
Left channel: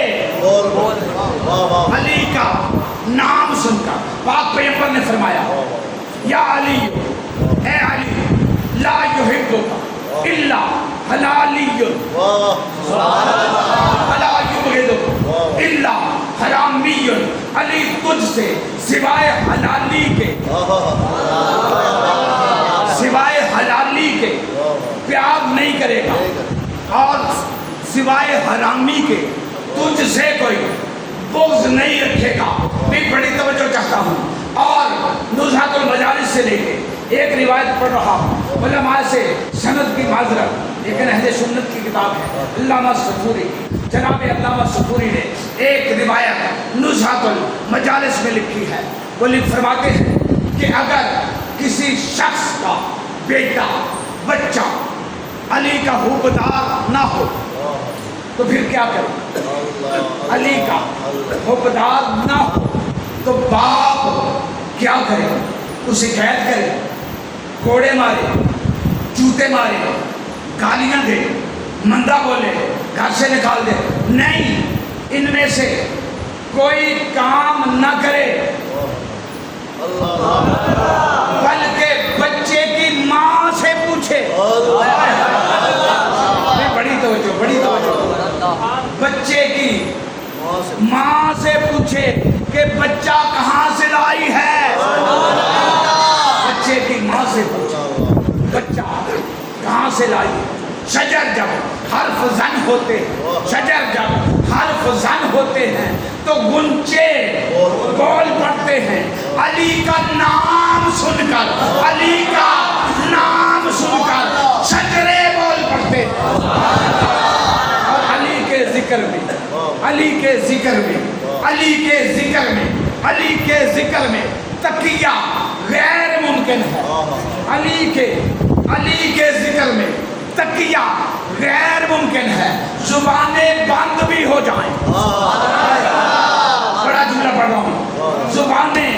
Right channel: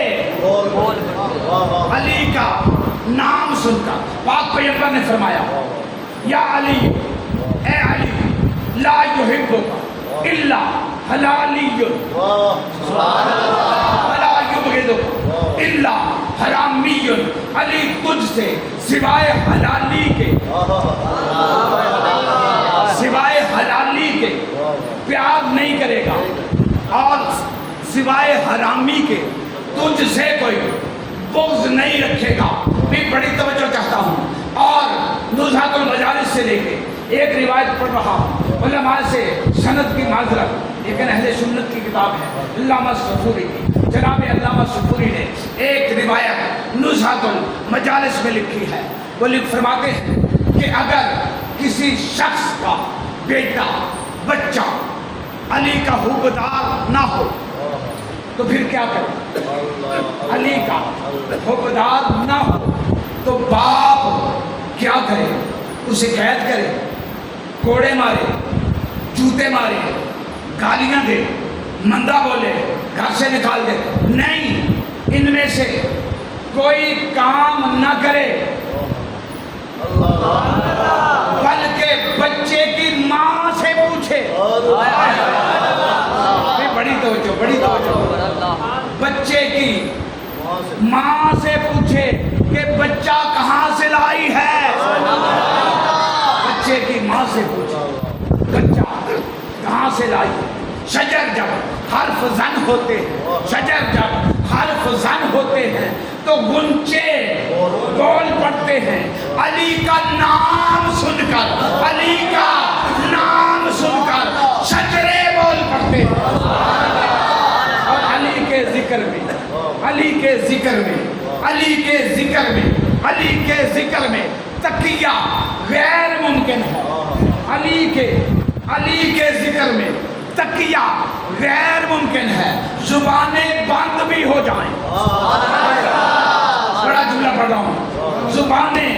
علی کا نام سن کر پاک پیغمبر نے فرمایا، یا علی، اے علی، لا یحبک الا حلالی ولا یبغضک الا حرامی، علی تجھ سے سوائے حلالی کے پیار نہیں کرے گا، اور سوائے حرامی کے تجھ سے کوئی بغض نہیں رکھے گا۔ میں بڑی توجہ چاہتا ہوں، اور نزہۃ المجالس سے لے کے ایک روایت پڑھ رہا ہوں، علماء سے سند کی معذرت، لیکن اہل سنت کی کتاب ہے، علامہ صفوری کی، جناب علامہ صفوری نے ایک روایت نزہۃ المجالس میں لکھی ہے۔ وہ فرماتے ہیں کہ اگر کسی شخص کا بیٹا بچہ علی کا حوبدار نہ ہو تو پھر کیا کرے؟ علی کا حوبدار نہ ہو تو باپ کیا کرے؟ اسے قید کرے، کوڑے مارے، جوتے مارے، گالیاں دے، مندہ بولے، گھر سے نکال دے؟ نہیں، ان میں سے کوئی کام نہ کرے، بلکہ بچے کی ماں سے پوچھے۔ بڑی توجہ، بچے کی ماں سے پوچھے کہ بچہ کہاں سے لائی ہے، بچے کی ماں سے پوچھے بچہ کہاں سے لائی ہے۔ شجر جب حرف زن ہوتے ہیں، شجر جب حرف زن ہوتے ہیں تو گنچے بول پڑتے ہیں، علی کا نام سن کر، علی کا نام سن کر شجرے بول پڑتے ہیں۔ اور علی کے ذکر میں، علی کے ذکر میں، علی کے ذکر میں، علی کے ذکر میں تقیہ غیر ممکن ہے۔ علی کے ذکر میں تقیہ غیر ممکن ہے، زبانیں بند بھی ہو جائیں۔ بڑا جملہ پڑھ رہا ہوں، زبانیں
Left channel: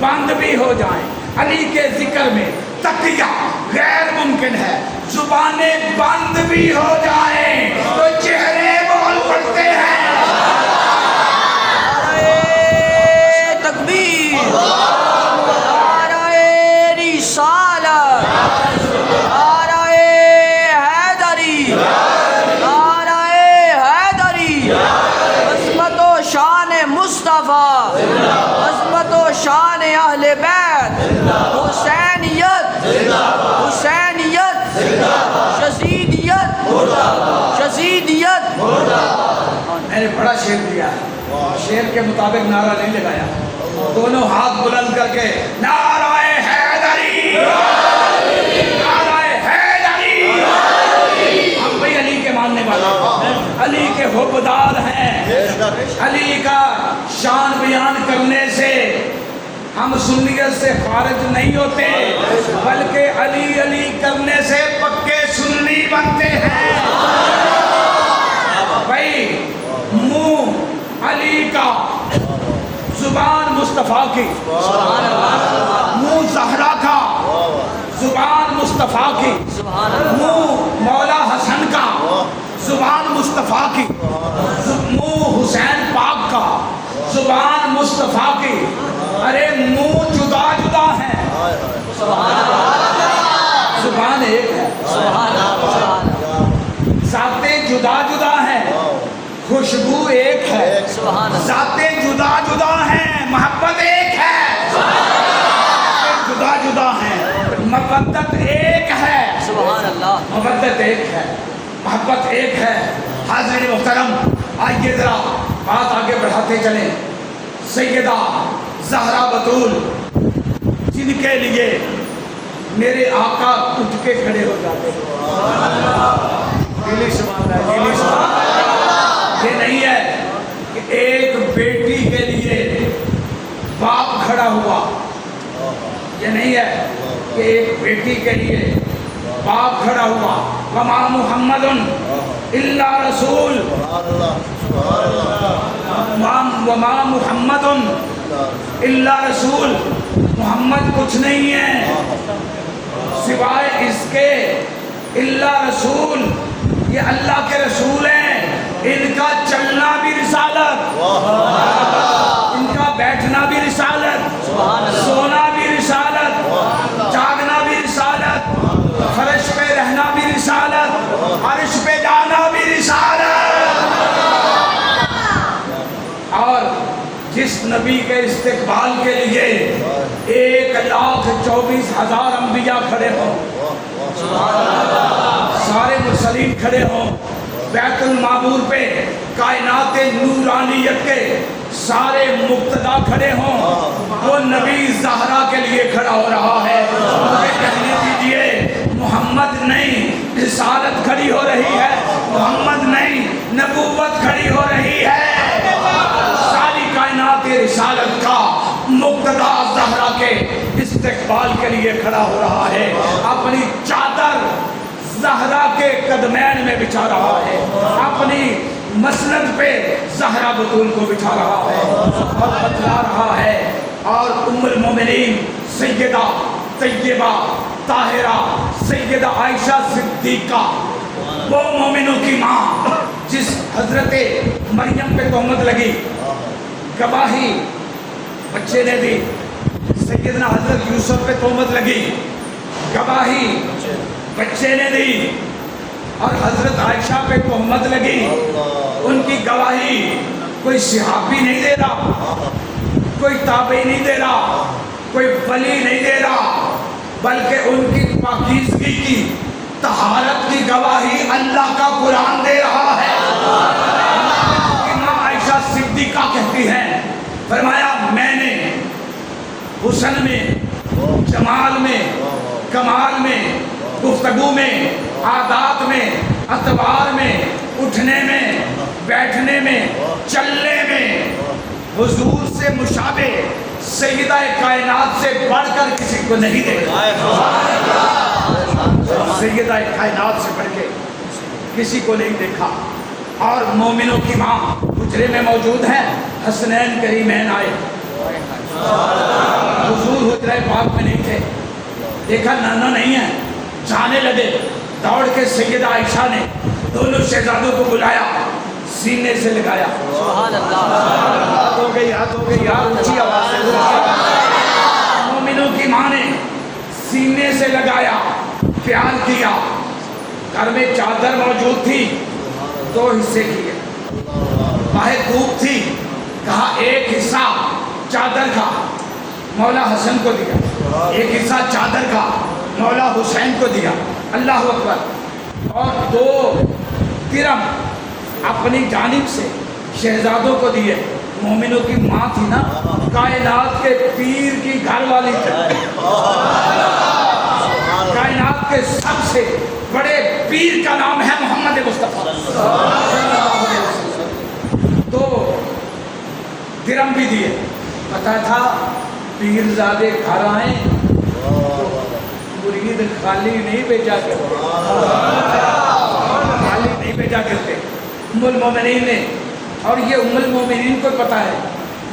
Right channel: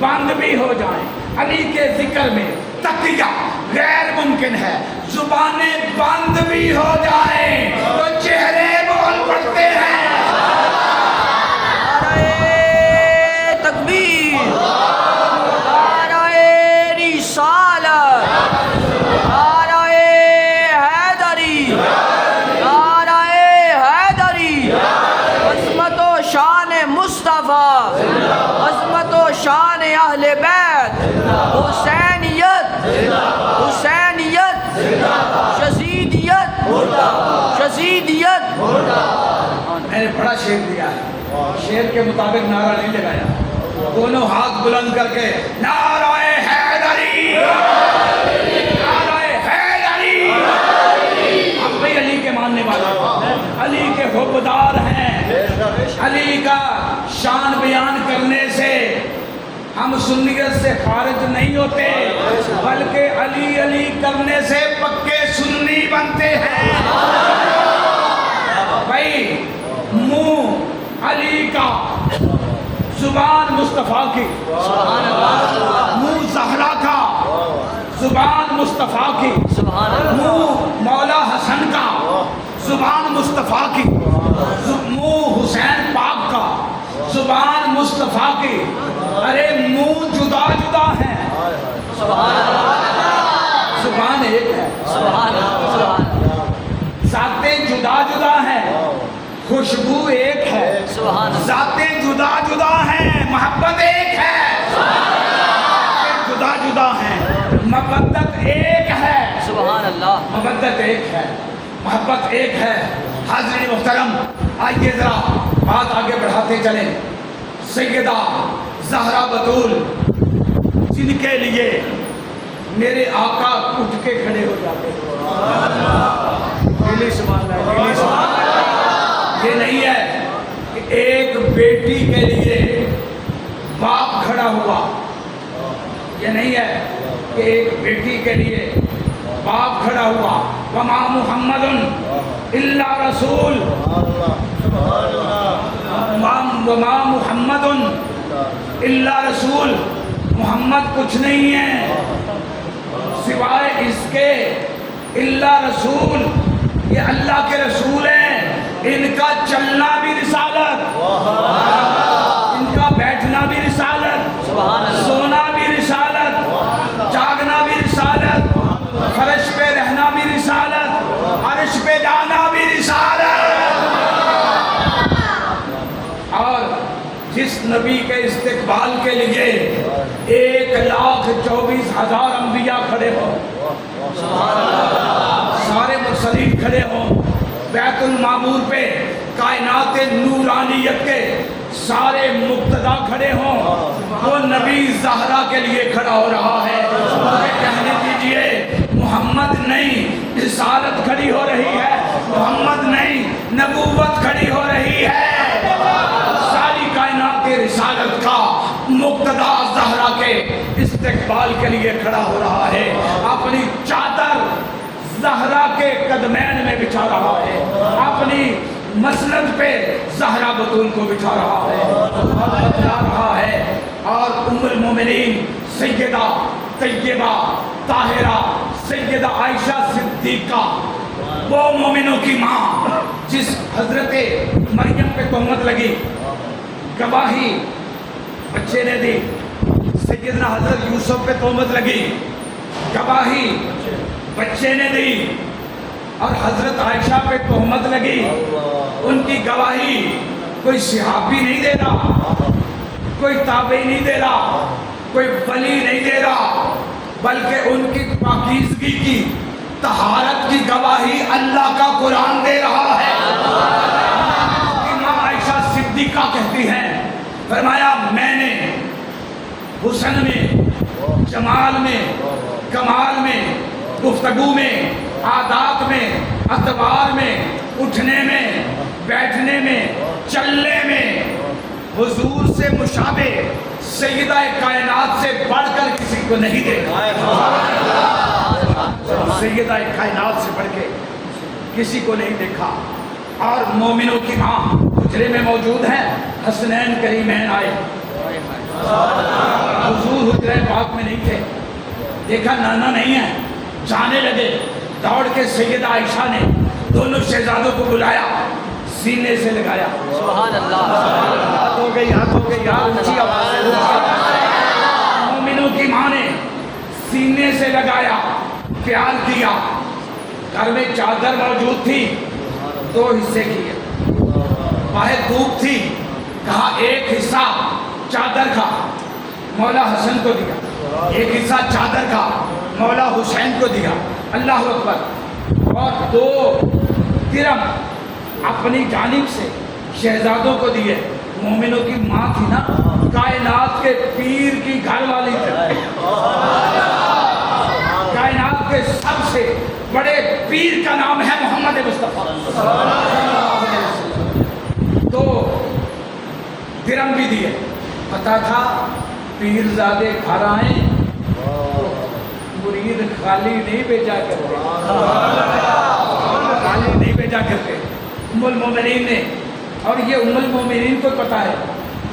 بند بھی ہو جائیں، علی کے ذکر میں تقیہ غیر ممکن ہے، زبانیں بند بھی ہو جائیں تو چہرے بول پڑتے ہیں۔ تکبیر، نعرہ رسالت، نعرہ حیدری، نعرہ حیدری، عظمت و شان مصطفیٰ، عظمت و شان اہل بیت، حسینیت، حسینیت، شہیدیت۔ میں نے بڑا شعر دیا ہے، شعر کے مطابق نعرہ نہیں لگایا، دونوں ہاتھ بلند کر کے نعرہ حیدری، نعرہ حیدری۔ ہم بھی علی کے ماننے والے ہیں، علی کے حوبدار ہیں، علی کا شان بیان کرنے سے ہم سنیت سے خارج نہیں ہوتے، بلکہ علی علی کرنے سے پکے سنی بنتے ہیں۔ بھائی منہ علی کا، زبان مصطفیٰ کی، سبحان اللہ منہ زہرا کا، زبان مصطفیٰ کی، سبحان اللہ منہ مولا حسن کا، زبان مصطفیٰ کی، منہ حسین پاک کا، زبان مصطفیٰ کی۔ ارے منہ جدا جدا ہیں، سبحان اللہ زبان ایک ہے، سبحان اللہ سبحان اللہ ذاتیں جدا جدا ہیں، خوشبو ایک ہے، سبحان اللہ ذاتیں جدا جدا ہیں، محبت ایک ہے، ذاتیں جدا جدا ہیں، مودت ایک ہے، سبحان اللہ مودت ایک ہے، محبت ایک ہے۔ حاضرین محترم، آئیے ذرا بات آگے بڑھاتے چلیں۔ سیدہ زہرا بطول، جن کے لیے میرے آقا اٹھ کے کھڑے ہو جاتے ہیں، دلی سبحان اللہ، دلی سبحان اللہ۔ یہ نہیں ہے کہ ایک بیٹی کے لیے باپ کھڑا ہوا، یہ نہیں ہے کہ ایک بیٹی کے لیے باپ کھڑا ہوا۔ وما محمد الا رسول، وما محمد الا رسول، محمد کچھ نہیں ہے سوائے اس کے، الا رسول، یہ اللہ کے رسول ہیں، ان کا چلنا بھی رسالت، ان کا بیٹھنا بھی رسالت، سبحان اللہ سونا بھی رسالت، جاگنا بھی رسالت، فرش پہ رہنا بھی رسالت، عرش پہ جانا بھی رسالت۔ اور جس نبی کے استقبال کے لیے 1,24,000 انبیاء کھڑے ہوں، سارے مرسلین کھڑے ہوں، بیت المعمور پہ کائنات نورانیت کے سارے مقتدا کھڑے ہوں، وہ نبی زہرا کے لیے کھڑا ہو رہا ہے۔ مجھے کہنے دیجئے، محمد نہیں رسالت کھڑی ہو رہی ہے، محمد نہیں نبوت کھڑی ہو رہی ہے، ساری کائنات رسالت کا مقتدا زہرا کے استقبال کے لیے کھڑا ہو رہا ہے، اپنی چادر زہرا کے قدمین میں بچھا رہا ہے، اپنی مسند پہ زہرا بطول کو بچھا رہا ہے اور بتلا رہا ہے۔ اور ام المومنین سیدہ طیبہ طاہرہ سیدہ عائشہ صدیقہ، وہ مومنوں کی ماں جس حضرت مریم پہ تہمت لگی، گواہی بچے نے دی، سیدنا حضرت یوسف پہ تہمت لگی، گواہی بچے نے دی، اور حضرت عائشہ پہ تہمت لگی، ان کی گواہی کوئی صحابی نہیں دے رہا، کوئی تابعی نہیں دے رہا، کوئی ولی نہیں دے رہا، بلکہ ان کی پاکیزگی کی، طہارت کی گواہی اللہ کا قرآن دے رہا ہے۔ امام عائشہ صدیقہ کہتی ہیں، فرمایا میں نے حسن میں، جمال میں، کمال میں، گفتگو میں، عادات میں، اطوار میں، اٹھنے میں، بیٹھنے میں، چلنے میں حضور سے مشابہ سیدہ کائنات سے بڑھ کر کسی کو نہیں دیکھا، سیدہ کائنات سے بڑھ کے کسی کو نہیں دیکھا۔ اور مومنوں کی ماں حجرے میں موجود ہیں، حسنین کریمین آئے، حضور حجرہ پاک میں نہیں تھے، دیکھا نانا نہیں ہے، جانے لگے، دوڑ کے سیدہ عائشہ نے دونوں شہزادوں کو بلایا، سینے سے لگایا، سبحان اللہ ہاتھ ہو گئی، ہاتھ ہو گئی، یار اونچی آواز سے، اونچی آواز۔ مومنوں کی ماں نے سینے سے لگایا، پیار کیا، گھر میں چادر موجود تھی، 2 حصے کیے، باہر دھوپ تھی، کہا ایک حصہ چادر کا مولا حسن کو دیا، ایک حصہ چادر کا مولا حسین کو دیا، اللہ اکبر، اور 2 درم اپنی جانب سے شہزادوں کو دیے۔ مومنوں کی ماں تھی نا، کائنات کے پیر کی گھر والی تھی، کائنات کے سب سے بڑے پیر کا نام ہے محمد مصطفیٰ صلی اللہ علیہ وسلم، 2 درم بھی دیے، پتا تھا پیرزادے گھر آئیں تو مرید خالی نہیں بھیجا کرتے، خالی نہیں بھیجا کرتے، ام المومنین نے، اور یہ ام المومنین کو پتا ہے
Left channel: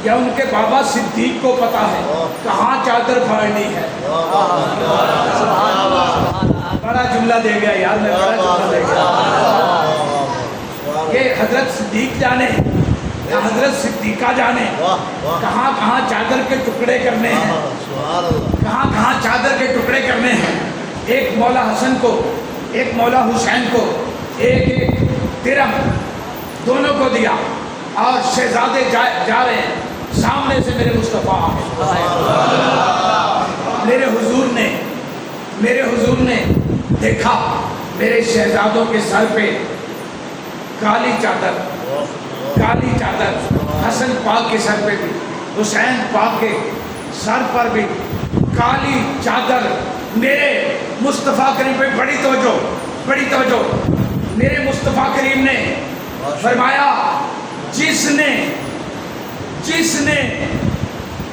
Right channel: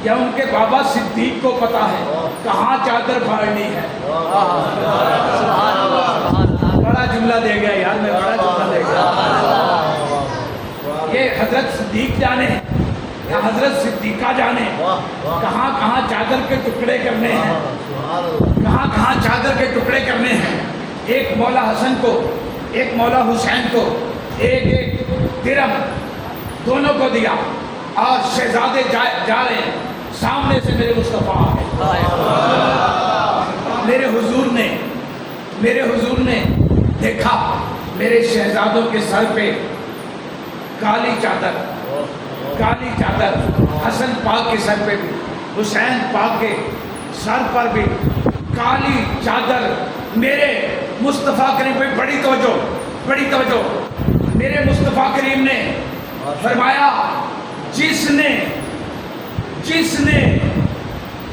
یا ان کے بابا صدیق کو پتا ہے کہاں چادر پھاڑنی ہے؟ سبحان اللہ سبحان اللہ بڑا جملہ دے گیا یار، میں بڑا جملہ دے گیا۔ یہ حضرت صدیق جانے یا حضرت صدیقہ جانے کہاں کہاں چادر کے ٹکڑے کرنے ہیں، کہاں کہاں چادر کے ٹکڑے کرنے ہیں۔ ایک مولا حسن کو، ایک مولا حسین کو ایک ایک درم دونوں کو دیا، اور شہزادے جا رہے ہیں، سامنے سے میرے مصطفیٰ آئے، میرے حضور نے دیکھا میرے شہزادوں کے سر پہ کالی چادر، حسن پاک کے سر پہ بھی، حسین پاک کے سر پر بھی کالی چادر۔ میرے مصطفیٰ کریم پہ بڑی توجہ، میرے مصطفیٰ کریم نے فرمایا جس نے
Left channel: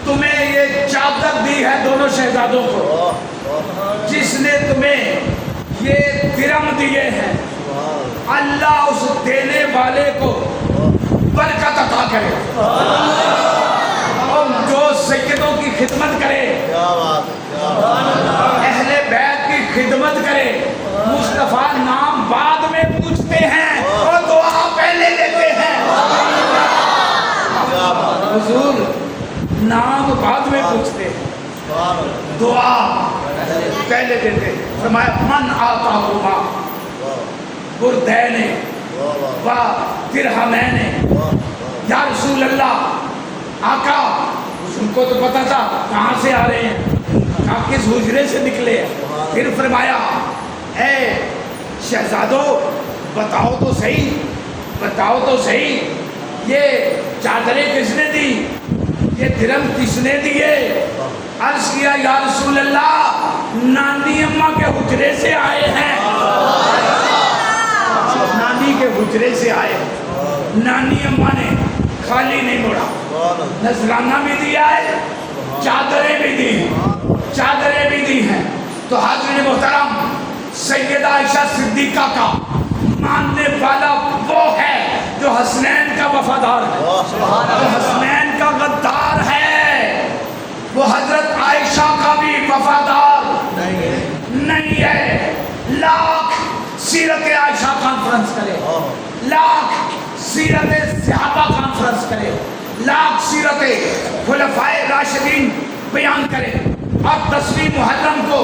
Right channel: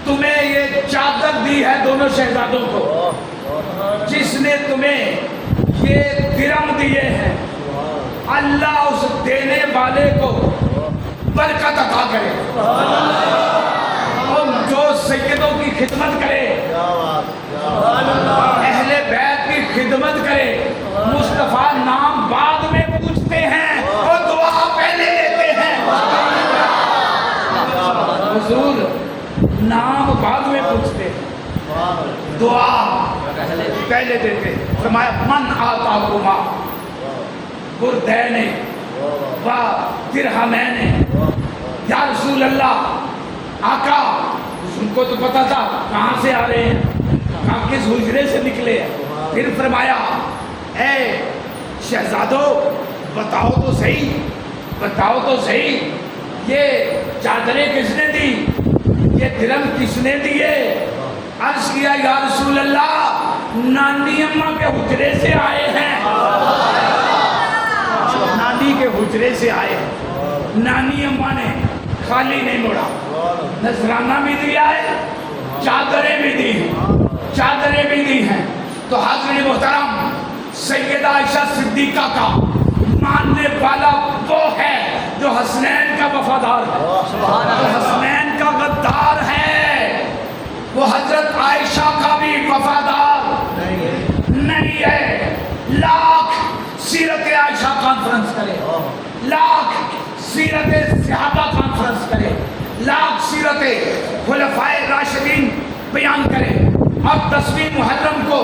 تمہیں یہ چادر دی ہے دونوں شہزادوں کو، جس نے تمہیں یہ درم دیے ہیں، اللہ اس دینے والے کو برکت عطا کرے، اور جو سیدوں کی خدمت کرے، اہل بیت کی خدمت کرے، مصطفیٰ نام بعد میں پوچھتے ہیں اور دعا پہلے دیتے ہیں۔ حضور نام بعد میں پوچھتے ہیں، دعا پہلے دیتے ہیں۔ فرمایا من آتا ہوا بردین و درہمین، یا رسول اللہ آقا، ان کو تو پتا تھا کہاں سے آ رہے ہیں، کہاں کس حجرے سے نکلے ہیں۔ پھر فرمایا اے شہزادو بتاؤ تو صحیح یہ چادریں کس نے دی، یہ درم کس نے دیے؟ عرض کیا یا رسول اللہ نانی اماں کے حجرے سے آئے ہیں، نانی کے حجرے سے آئے ہیں۔ نانی اماں نے خالی نہیں موڑا، نذرانہ بھی دیا ہے، چادریں بھی دی ہیں۔ تو حاضرین محترم، سیدہ عائشہ صدیقہ کا ماننے والا وہ ہے جو حسنین کا وفادار ہے، جو حسنین کا غدار ہے، وہ حضرت عائشہ کا بھی وفادار نہیں ہے۔ لاکھ سیرت عائشہ کانفرنس کرے، لاکھ سیرت صحابہ کانفرنس کرے، لاکھ سیرت خلفائے راشدین بیان کرے، اور 10ویں محرم کو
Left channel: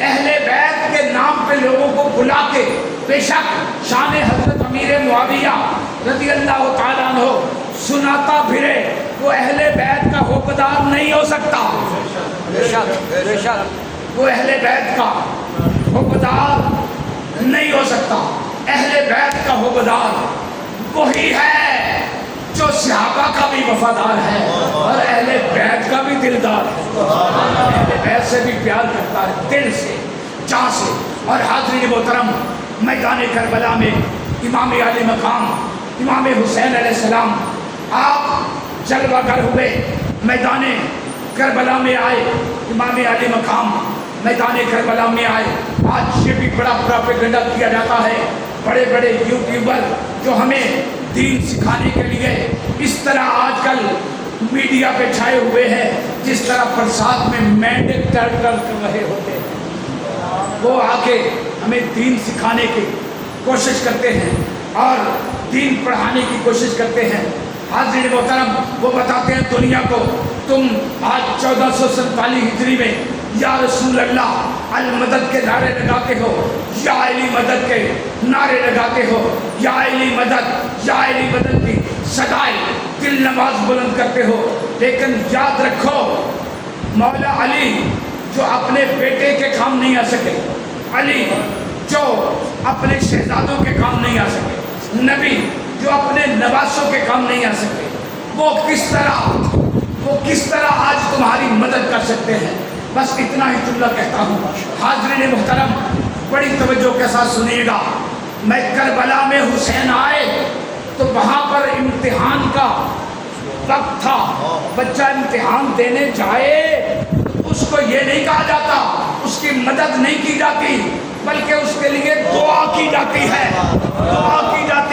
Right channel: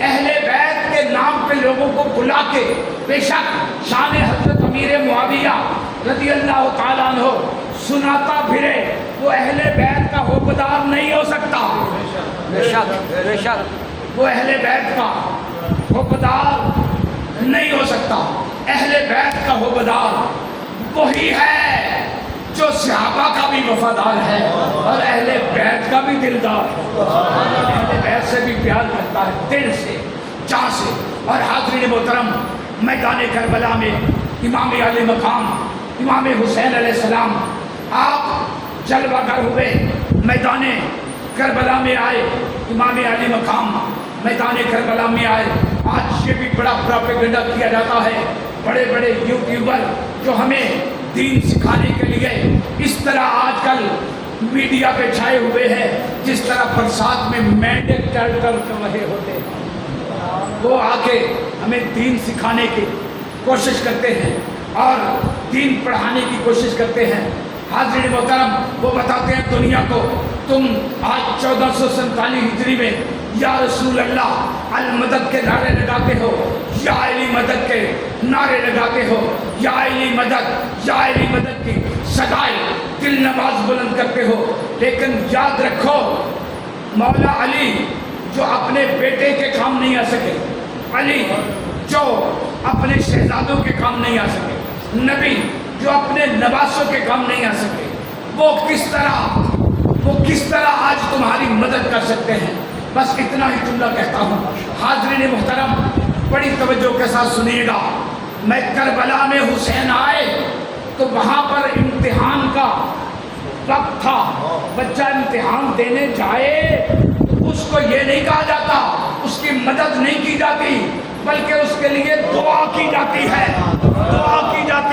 اہل بیت کے نام پہ لوگوں کو بلا کے، بے شک شان حضرت امیر معاویہ رضی اللہ تعالیٰ عنہ سناتا پھرے، وہ اہل بیت کا حقدار نہیں ہو سکتا، بے شک وہ اہل بیت کا حقدار نہیں ہو سکتا۔ اہل بیت کا حقدار وہی ہے جو صحابہ کا بھی وفادار ہے اور اہل بیت کا بھی دلدار ہے، اہل بیت سے بھی پیار کرتا ہے دل سے، جان سے۔ اور حاضرین محترم، میدان کربلا میں امام علی مقام امام حسین علیہ السلام آپ جلوہ گر ہوئے، میدان کربلا میں آئے، امام علی مقام میدان کربلا میں آئے۔ آج یہ بھی بڑا پروپیگنڈا کیا جاتا ہے، بڑے بڑے یوٹیوبر جو ہمیں دین سکھانے کے لیے اس طرح آج کل میڈیا پہ چھائے ہوئے ہیں، جس طرح برسات میں مینڈے ٹر کر رہے ہوتے ہیں، وہ آ کے ہمیں دین سکھانے کی کوشش کرتے ہیں اور دین پڑھانے کی کوشش کرتے ہیں۔ حاضرین محترم، وہ بتاتے ہیں دنیا کو، تم آج 1447 ہجری میں یا رسول اللہ المدد کے نعرے لگاتے ہو، یا علی مدد کے نعرے لگاتے ہو، یا علی مدد کی صدائے دل نواز بلند کرتے ہو، لیکن یاد رکھو مولا علی جو اپنے بیٹے کے کام نہیں آ سکے، علی جو اپنے شہزادوں کے کام نہیں آ سکے، نبی جو اپنے نواسوں کے کام نہیں آ سکے، وہ کس طرح آج تمہاری مدد کر سکتے ہیں؟ بس اتنا ہی جملہ کہتا ہوں۔ حاضرین محترم، بڑی توجہ کے ساتھ سنیے گا۔ میں کربلا میں حسین آئے تو وہاں پر امتحان کا وقت تھا، بچہ امتحان دینے جائے تو اس کو یہ نہیں کہا جاتا، اس کی مدد نہیں کی جاتی، بلکہ اس کے لیے دعا کی جاتی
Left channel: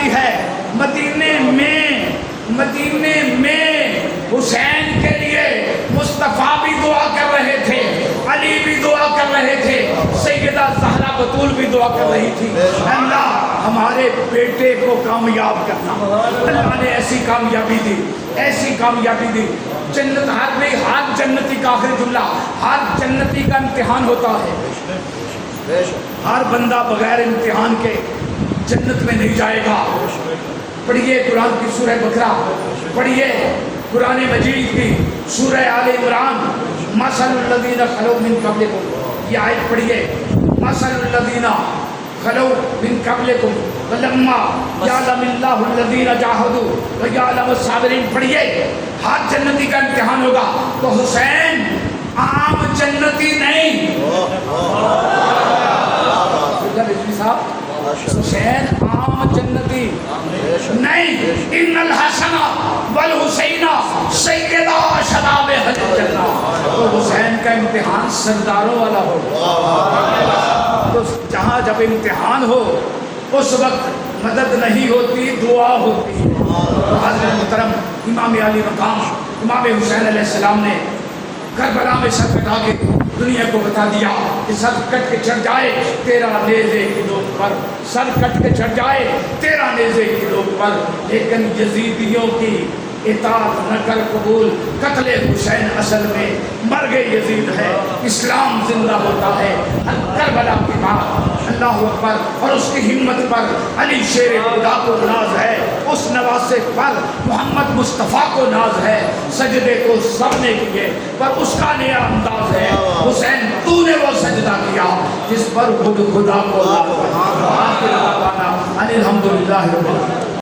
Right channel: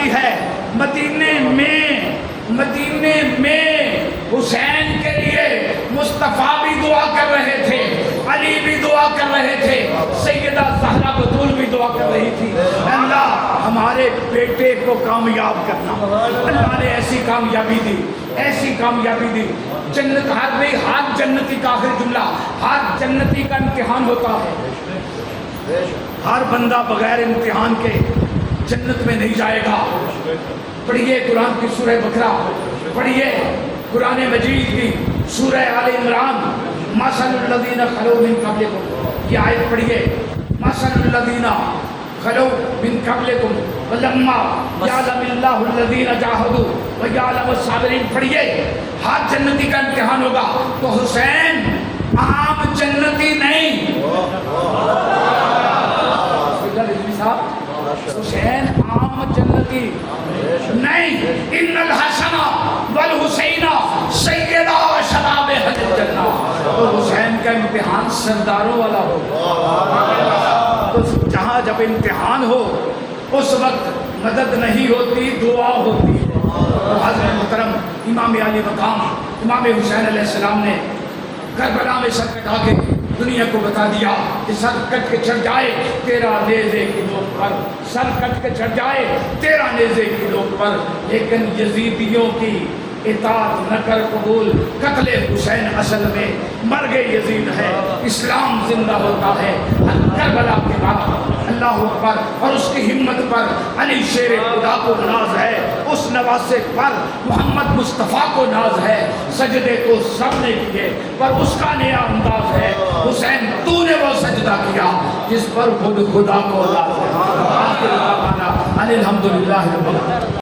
ہے، مدینے میں حسین کے لیے مصطفیٰ بھی دعا کر رہے تھے، علی بھی دعا کر رہے تھے، سیدہ زہرا بطول بھی دعا کر رہی تھی، اللہ ہمارے بیٹے کو کامیاب کرنا۔ اللہ نے ایسی کامیابی دی۔ جنت ہر جنتی کا آخری جملہ، ہر جنتی کا امتحان ہوتا ہے، ہر بندہ بغیر امتحان کے جنت میں نہیں جائے گا۔ پڑھیے قرآن کی سورہ بقرہ، پڑھیے قرآن مجید کی سورہ آل عمران، مثل الذین خلو من قبلکم، یہ آیت پڑھیے، مثل الذین خلو من قبلکم ولما یعلم اللہ الذین جاہدوا ویعلم الصابرین، پڑھیے ہر جنتی کا امتحان ہوگا۔ تو حسین عام جنتی نہیں، حسین عام جنتی نہیں، ان الحسن والحسین سیدہ شباب اہل الجنہ، تو حسین کا امتحان سرداروں والا ہو۔ تو جہاں جب امتحان ہو اس وقت مدد نہیں ہوتی، دعا ہوتی ہے۔ تو حضرت محترم امام علی مقام امام حسین علیہ السلام نے کربلا میں سر کٹا کے دنیا کو بتا دیا کہ سر کٹ کے چڑھ جائے تیرا نیزے کی نوک پر، سر کٹ کے چڑھ جائے تیرا نیزے کی نوک پر، لیکن یزیدیوں کی اطاعت نہ کر قبول، قتل حسین اصل میں مرگ یزید ہے، اسلام زندہ ہوتا ہے کربلا کے بعد۔ اللہ اکبر۔ اور اس کی ہمت پر علی شیر خدا کو ناز ہے، اس نواسے پر محمد مصطفیٰ کو ناز ہے۔ سجدے تو سب نے کیے پر اس کا نیا انداز ہے، حسین تو نے وہ سجدہ کیا جس پر خود خدا کو ناز ہے۔ آخر دعوانا ان الحمدللہ رب العالمین۔